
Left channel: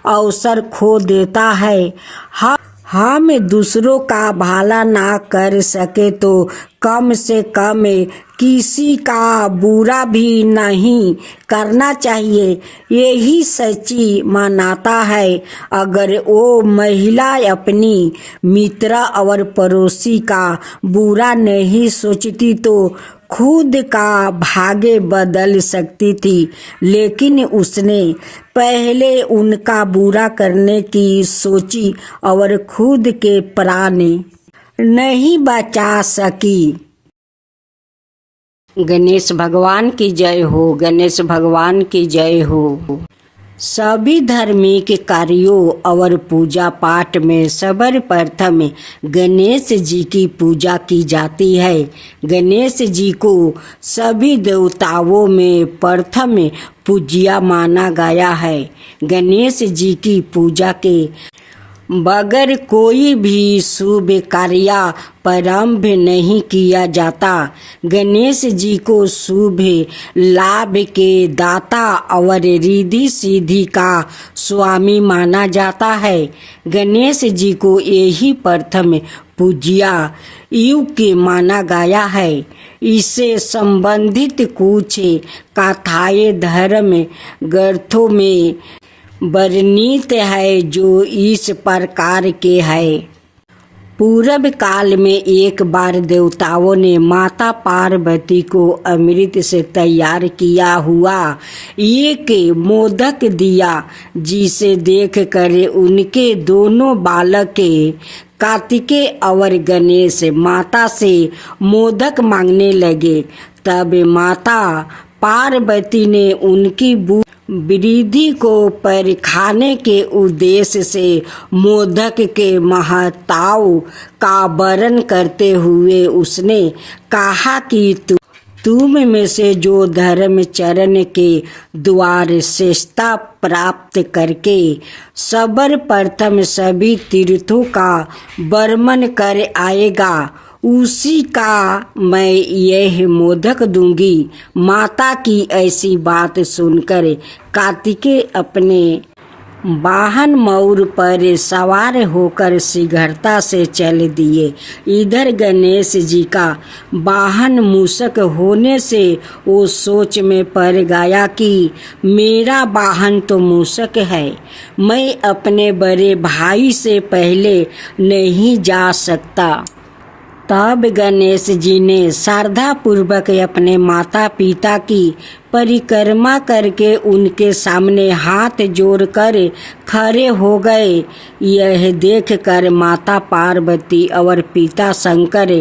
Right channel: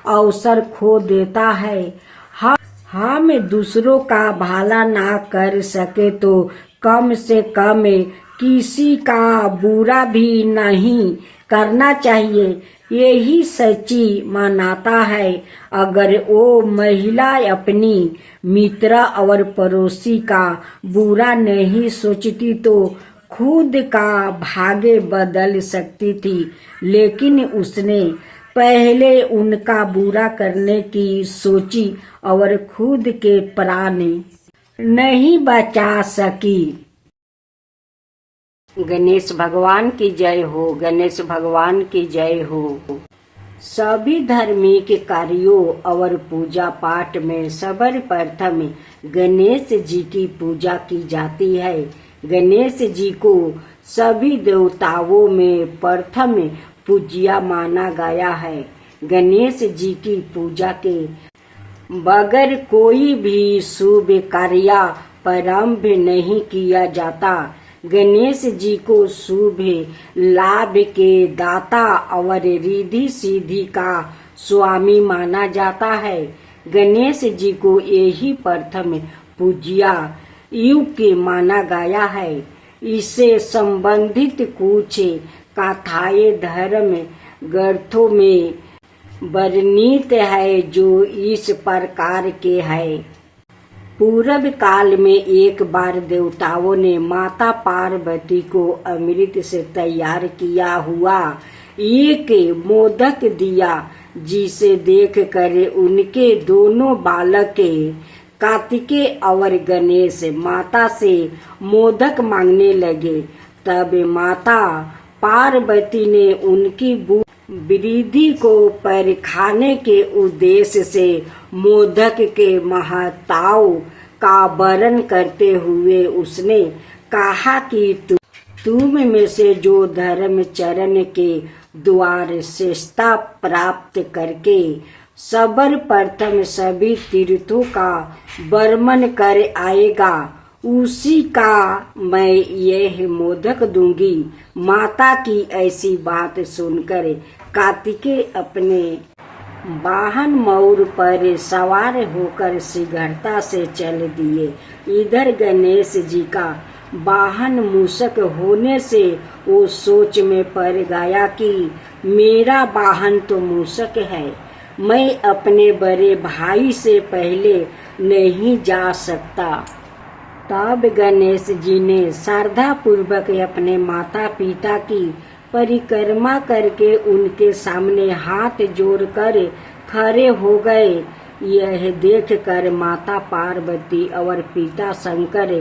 अवसर खो देता है। हम दूसरों का भला ना कर सके तो कम से कम किसी का बुरा भी नहीं करना चाहिए, यही सच्ची मान्यता है। अगर वो महिला अपनी मित्र और पड़ोसी का बुरा नहीं सोचती तो खुद का भाग्य बदल सकती थी, लेकिन उसने पहले उनका बुरा करने की सोची और खुद के प्राण नहीं बचा सकी। गणेश भगवान की जय हो, गणेश भगवान की जय हो। सभी धार्मिक कार्यों और पूजा पाठ में सर्वप्रथम गणेश जी की पूजा की जाती है। गणेश जी को सभी देवताओं में प्रथम पूज्य माना गया है। गणेश जी की पूजा के बगैर कोई भी शुभ कार्य प्रारंभ नहीं किया जाता। गणेश जी को शुभ लाभ के दाता और रिद्धि सिद्धि का स्वामी माना जाता है। गणेश जी को यही प्रथम पूज्य युग के माना गया है। इससे संबंधित कुछ कथाएं धर्म ग्रंथों में वर्णित है जो इस प्रकार के है। पूर्व काल में एक बार देवताओं ने माता पार्वती को अमृत से तैयार किया हुआ एक मोदक दिया, जिसे देखकर उनके दोनों बालक कार्तिकेय और गणेश माता से मोदक मांगने लगे। तब माता पार्वती ने उनकी वृद्धि को परखाने के उद्देश्य से मोदक के महत्व का वर्णन करते हुए उसने कहा कि तुम में से जो धर्मचरण के द्वार श्रेष्ठता प्राप्त करके सर्वप्रथम सभी तीर्थों का वर्णन कर आएगा, उसी का मैं यह मोदक दूंगी। माता की ऐसी बात सुनकर कार्तिकेय अपने वाहन मयूर पर सवार होकर शीघ्रता से चल दिए। इधर गणेश जी का वाहन मूषक होने से वो सोच में पड़ गया कि मेरा वाहन तो मूषक है, मैं अपने बड़े भाई से पहले नहीं जा सकता। तब गणेश जी ने श्रद्धा पूर्वक अपने माता पिता की परिक्रमा करके उनके सामने हाथ जोड़कर खड़े हो गए। यह देखकर माता पार्वती और पिता शंकर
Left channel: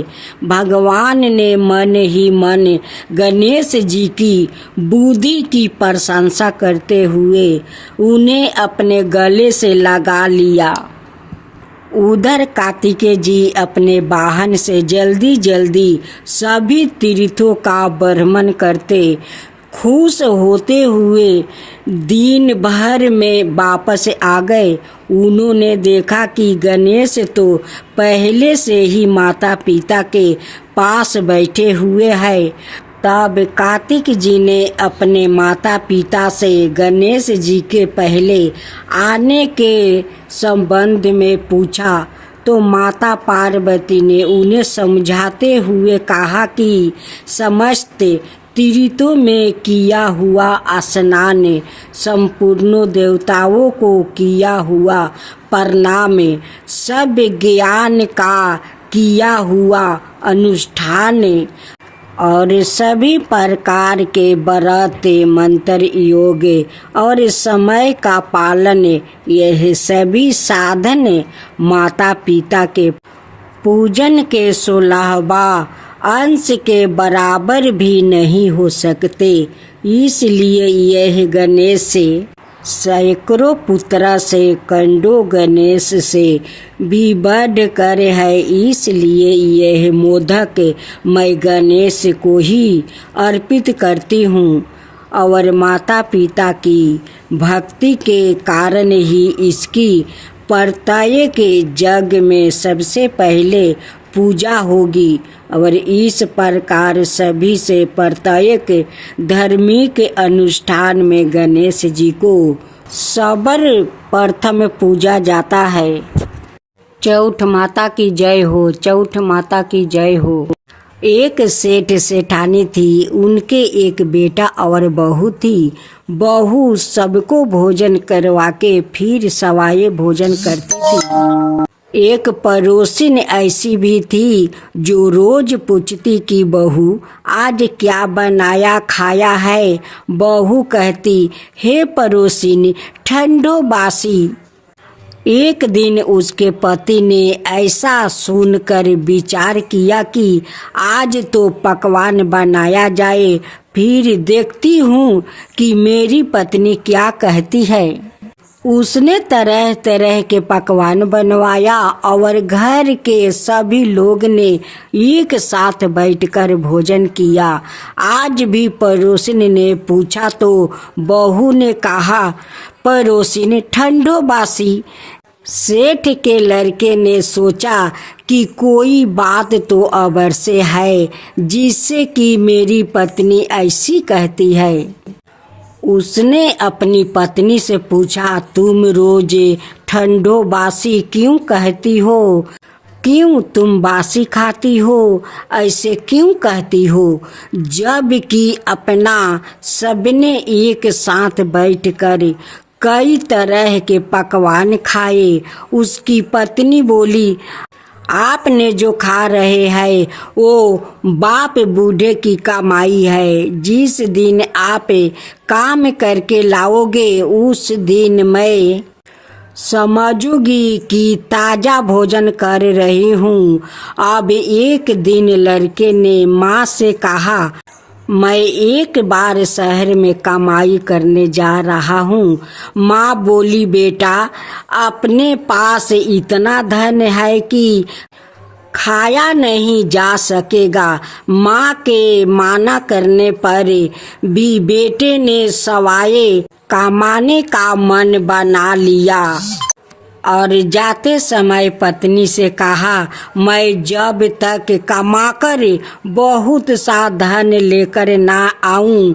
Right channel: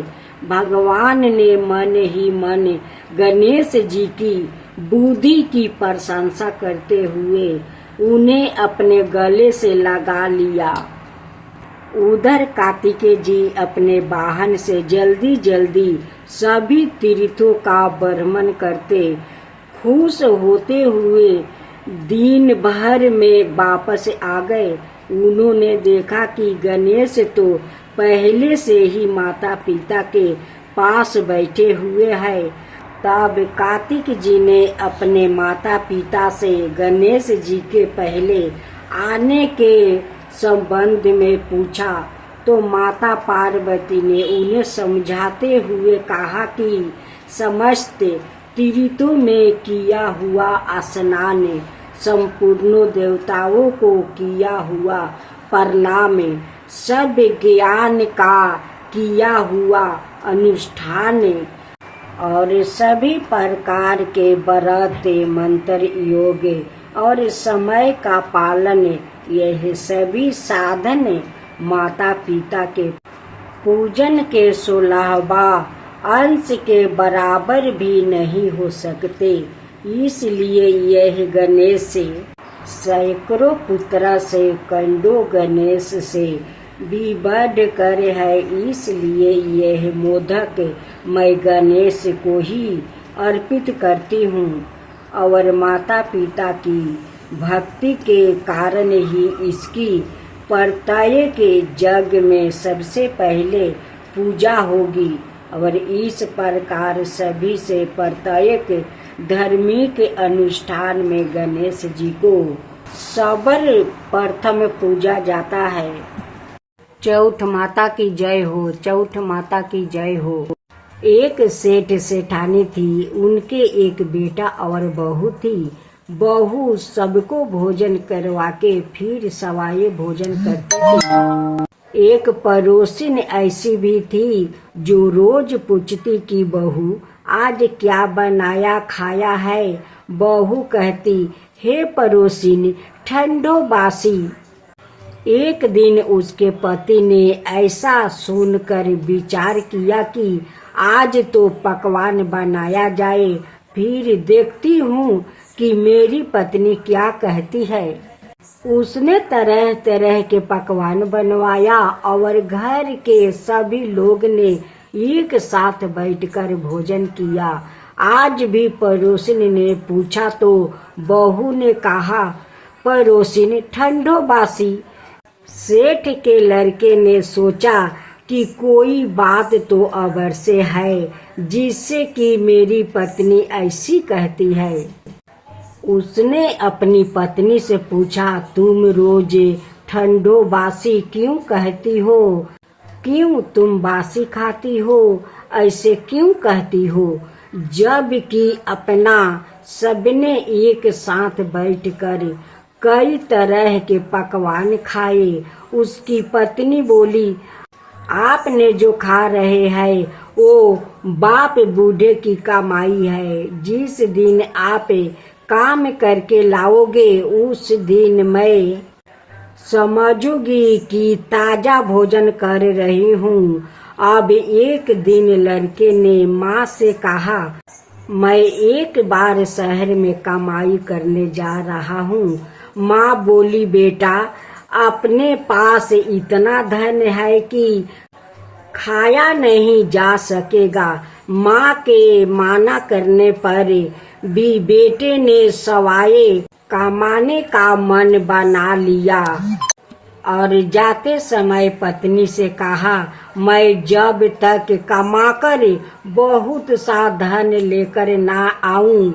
भगवान ने मन ही मन गणेश जी की बुद्धि की प्रशंसा करते हुए उन्हें अपने गले से लगा लिया। उधर कार्तिकेय जी अपने वाहन से जल्दी जल्दी सभी तीर्थों का भ्रमण करते खुश होते हुए दिन भर में वापस आ गए। उन्होंने देखा कि गणेश तो पहले से ही माता पिता के पास बैठे हुए हैं। तब कार्तिक जी ने अपने माता पिता से गणेश जी के पहले आने के संबंध में पूछा, तो माता पार्वती ने उन्हें समझाते हुए कहा कि समस्त तीर्थों में किया हुआ स्नान, संपूर्ण देवताओं को किया हुआ प्रणाम, सब ज्ञान का किया हुआ अनुष्ठान और सभी प्रकार के व्रत मंत्र योग और समय का पालन, यह सभी साधन माता पिता के पूजन के 16वां अंश के बराबर भी नहीं हो सकते। इसलिए यह गणेश सैकड़ों पुत्र से कंडो गणेश से भी बढ़ कर है। इसलिए यह मोदक मैं गणेश को ही अर्पित करती हूँ और माता पिता की भक्ति के कारण ही इसकी प्रत्येक जग में सबसे पहले पूजा होगी और इस प्रकार सभी से प्रत्येक धार्मिक अनुष्ठान में गणेश जी को सर्वप्रथम पूजा जाता है। चौठ माता की जय हो, चौठ माता की जय हो। एक सेठ सेठानी थी, उनके एक बेटा और बहू थी। बहू सबको भोजन करवा के फिर सवाए भोजन करती थी। एक पड़ोसिन ऐसी भी थी जो रोज पूछती कि बहू आज क्या बनाया खाया है। बहू कहती, हे पड़ोसिन ठंडो बासी। एक दिन उसके पति ने ऐसा सुनकर विचार किया कि आज तो पकवान बनाया जाए, फिर देखती हूँ कि मेरी पत्नी क्या कहती है। उसने तरह तरह के पकवान बनवाया और घर के सभी लोग ने एक साथ बैठकर भोजन किया। आज भी पड़ोसिन ने पूछा तो बहू ने कहा, पड़ोसिन ठंडो बासी। सेठ के लड़के ने सोचा कि कोई बात तो अवश्य है जिससे कि मेरी पत्नी ऐसी कहती है। उसने अपनी पत्नी से पूछा, तुम रोज ठंडो बासी क्यों कहती हो? क्यों तुम बासी खाती हो? ऐसे क्यों कहती हो? जब कि अपना सबने एक साथ बैठकर कई तरह के पकवान खाए। उसकी पत्नी बोली, आपने जो खा रहे हैं वो बाप बूढ़े की कमाई है। जिस दिन आप काम करके लाओगे उस दिन मैं समझूंगी कि ताज़ा भोजन कर रही हूँ। अब एक दिन लड़के ने माँ से कहा, मैं एक बार शहर में कमाई करने जा रहा हूँ। माँ बोली, बेटा अपने पास इतना धन है कि खाया नहीं जा सकेगा। माँ के माना करने पर भी बेटे ने सवाए कमाने का मन बना लिया और जाते समय पत्नी से कहा, मैं जब तक कमाकर बहुत सा धन लेकर ना आऊं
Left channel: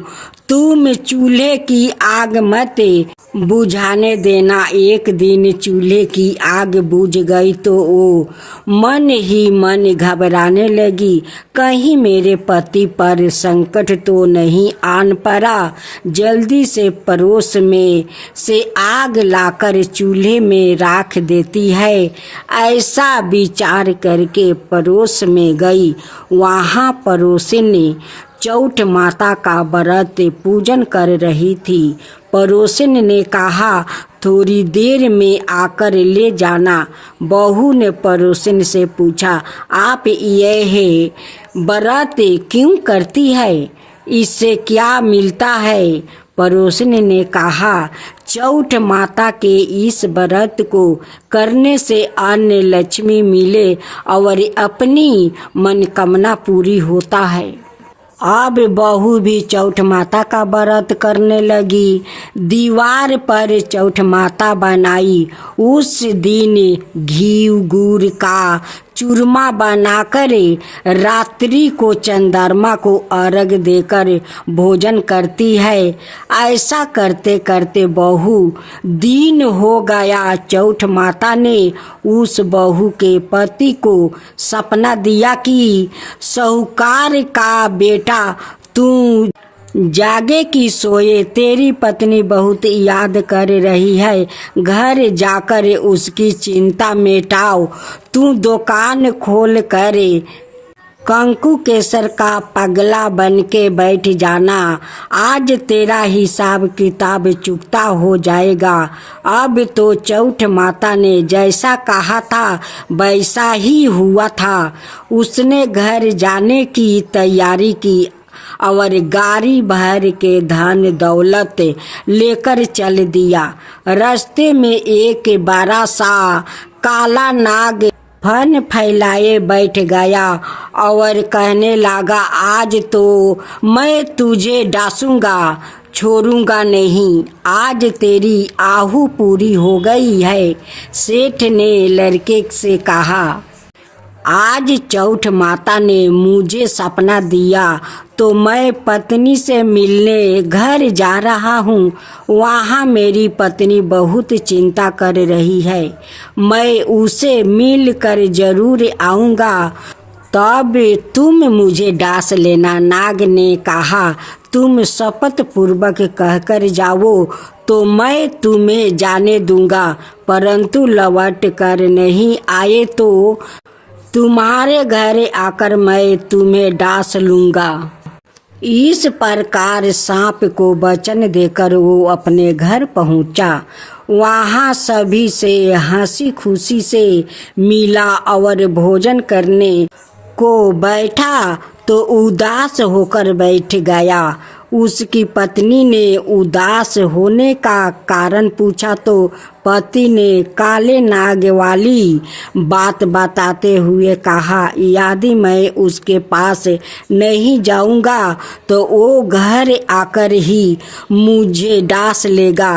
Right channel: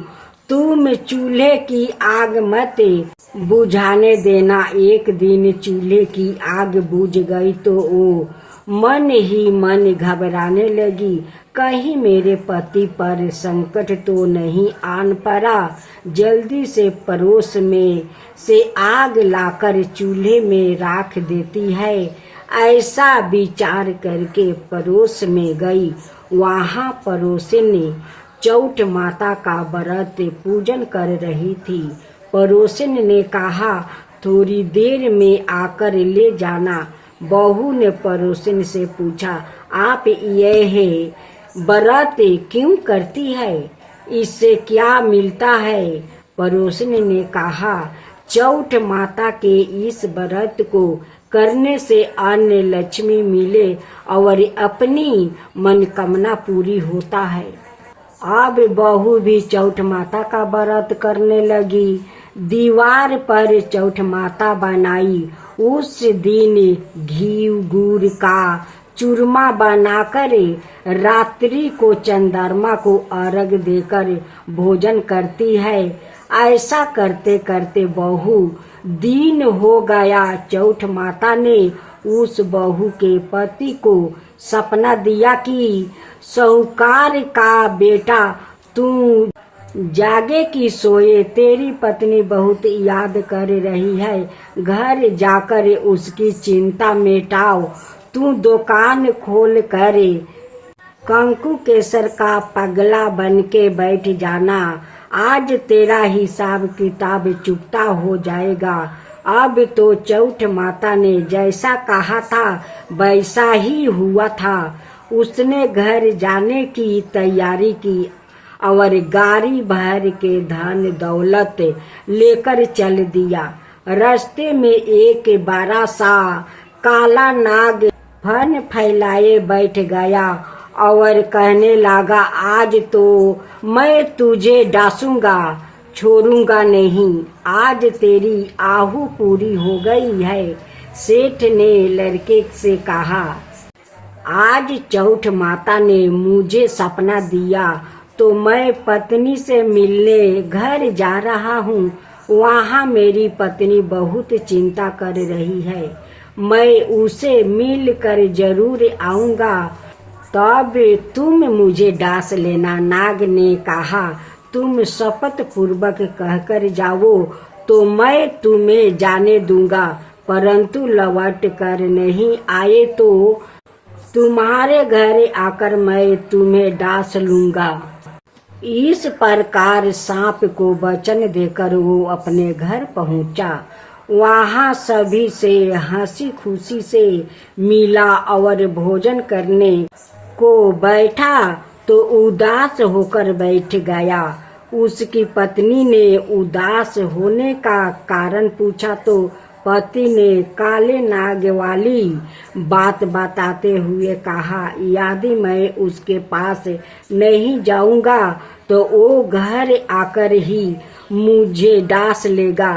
तुम चूल्हे की आग मत बुझाने देना। एक दिन चूल्हे की आग बुझ गई तो वो मन ही मन घबराने लगी, कहीं मेरे पति पर संकट तो नहीं आन पड़ा। जल्दी से पड़ोस में से आग लाकर चूल्हे में राख देती है। ऐसा विचार करके पड़ोस में गई। वहाँ पड़ोसिनी चौठ माता का व्रत पूजन कर रही थी। पड़ोसिन ने कहा, थोड़ी देर में आकर ले जाना। बहू ने पड़ोसिन से पूछा, आप यह व्रत क्यों करती है? इससे क्या मिलता है? पड़ोसिन ने कहा, चौठ माता के इस व्रत को करने से अन्न लक्ष्मी मिले और अपनी मनोकामना पूरी होता है। अब बहू भी चौठ माता का व्रत करने लगी। दीवार पर चौठ माता बनाई। उस दिन घी गुड़ का चूरमा बनाकर रात्रि को चंद्रमा को अर्घ देकर भोजन करती है। ऐसा करते करते बहू दिन हो गया। चौठ माता ने उस बहू के पति को सपना दिया कि साहूकार का बेटा तू जागे कि सोए, तेरी पत्नी बहुत याद कर रही है। घर जाकर उसकी चिंता मिटाओ। तू दुकान खोल कर कंकु केसर का पगला बन के बैठ जाना। आज तेरा हिसाब किताब चुकता हो जाएगा। अब तो चौठ माता ने जैसा कहा था वैसा ही हुआ था। उसने घर जाने की तैयारी की और गाड़ी भर के धन दौलत लेकर चल दिया। रास्ते में एक बड़ा सा काला नाग फन फैलाए बैठ गया और कहने लगा, आज तो मैं तुझे डांसूंगा, छोड़ूंगा नहीं। आज तेरी आहू पूरी हो गई है। सेठ ने लड़के से कहा, आज चौठ माता ने मुझे सपना दिया तो मैं पत्नी से मिलने घर जा रहा हूँ। वहाँ मेरी पत्नी बहुत चिंता कर रही है। मैं उसे मिल कर जरूर आऊँगा, तब तुम मुझे डांस लेना। नाग ने कहा, तुम शपथ पूर्वक कहकर जाओ तो मैं तुम्हें जाने दूंगा, परंतु लौट कर नहीं आए तो तुम्हारे घर आकर मैं तुम्हें डांस लूंगा। इस प्रकार सांप को वचन देकर वो अपने घर पहुंचा। वहाँ सभी से हंसी खुशी से मिला और भोजन करने को बैठा तो उदास होकर बैठ गया। उसकी पत्नी ने उदास होने का कारण पूछा तो पति ने काले नाग वाली बात बताते हुए कहा, यदि मैं उसके पास नहीं जाऊंगा तो वो घर आकर ही मुझे डांस लेगा।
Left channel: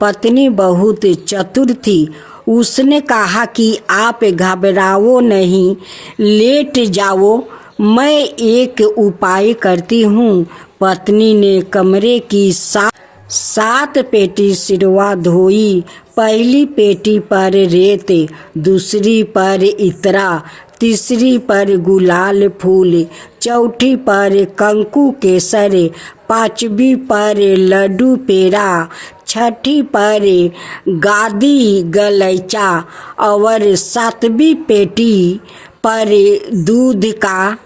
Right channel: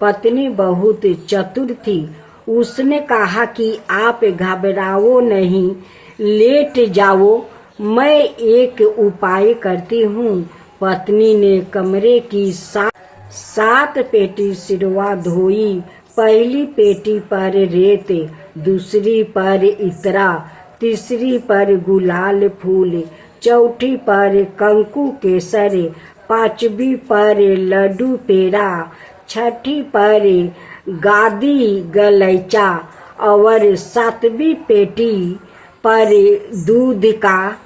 पत्नी बहुत चतुर थी। उसने कहा कि आप घबराओ नहीं, लेट जाओ, मैं एक उपाय करती हूँ। पत्नी ने कमरे की सात पेटी सिरवा धोई। पहली पेटी पर रेत, दूसरी पर इतरा, तीसरी पर गुलाल फूल, चौथी पर कंकु केसर, पांचवी पर लड्डू पेड़ा, छठी पर गादी गलैचा और सातवीं पेटी पर दूध का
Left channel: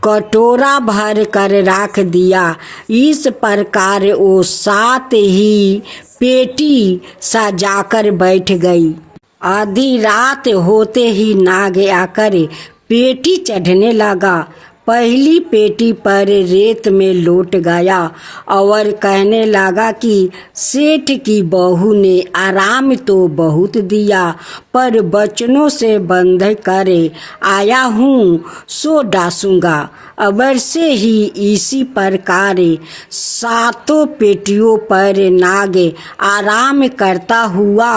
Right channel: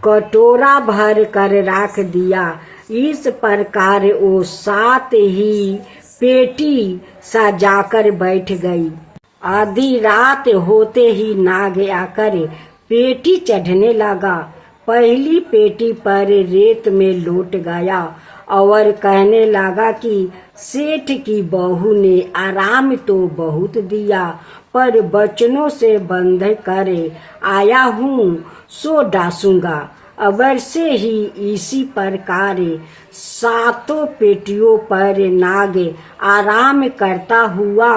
कटोरा भर कर रख दिया। इस प्रकार वो 7 ही पेटी सजाकर बैठ गई। आधी रात होते ही नाग आकर पेटी चढ़ने लगा। पहली पेटी पर रेत में लौट गया और कहने लगा कि सेठ की बहू ने आराम तो बहुत दिया, पर बचनों से बंध कर आया हूँ, सो डासूंगा। अबर से ही इसी प्रकार 7 पेटियों पर नाग आराम करता हुआ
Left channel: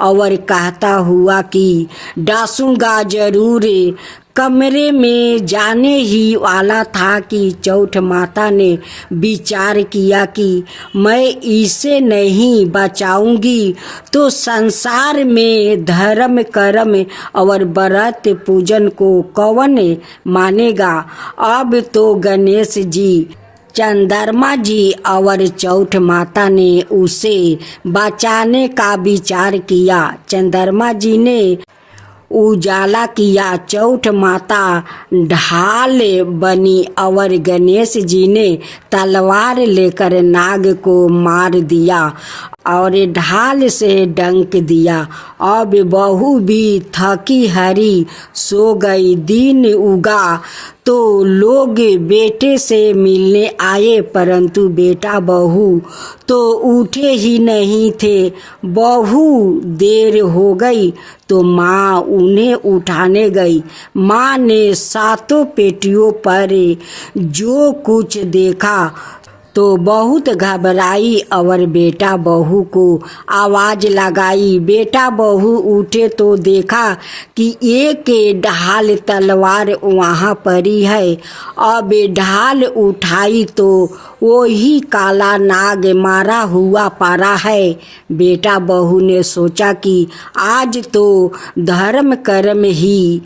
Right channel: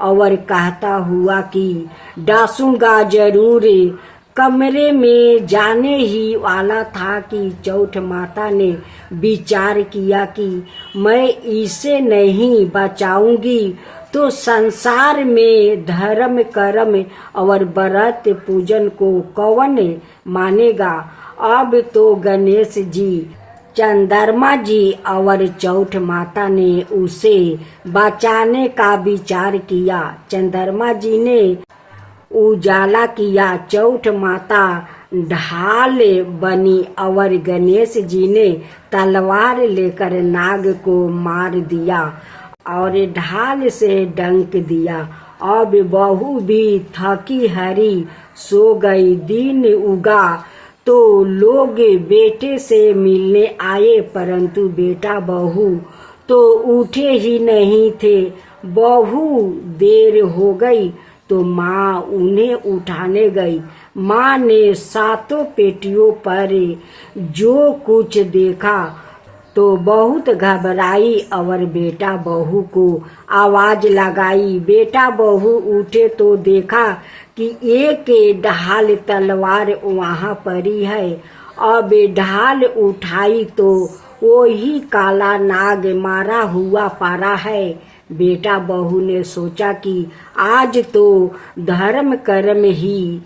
और कहता हुआ कि डासूंगा जरूर। कमरे में जाने ही वाला था कि चौठ माता ने विचार किया कि मैं इसे नहीं बचाऊंगी तो संसार में धर्म कर्म और व्रत पूजन को कौन मानेगा। अब तो गणेश जी, चंद्रमा जी और चौठ माता ने उसे बचाने का विचार किया। चंद्रमा जी ने उजाला किया, चौठ माता ढाल बनी और गणेश जी ने तलवार लेकर नाग को मार दिया और ढाल से डंक दिया। अब बहू भी थकी हारी सो गई। दिन उगा तो लोग बेटे से मिलने आए, परंतु बेटा बहू तो उठे ही नहीं थे। बहू देर हो गई तो माँ उन्हें उठाने गई। माँ ने 7 पेटियों पर जो कुछ देखा तो बहुत घबराई और बेटा बहू को आवाज लगाई। बेटा बहू उठे तो देखा कि एक ढाल तलवार वहाँ पड़ी है। अब ढाल उठाई तो वही काला नाग मारा हुआ पड़ा है। बेटा बहू ने सोचा कि आज तो धर्म कर्म ही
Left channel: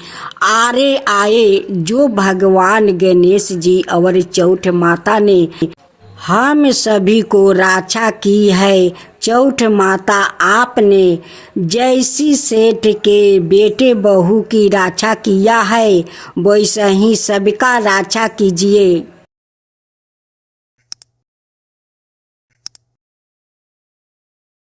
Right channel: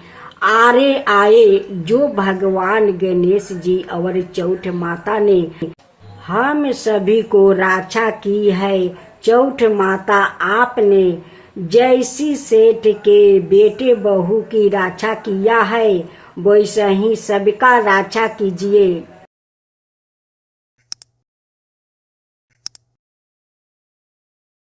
आरे आए, जो भगवान गणेश जी और चौठ माता ने हम सभी को रक्षा की है। चौठ माता, आपने जैसी सेठ के बेटे बहू की रक्षा किया है, वैसे ही सबका रक्षा कीजिए।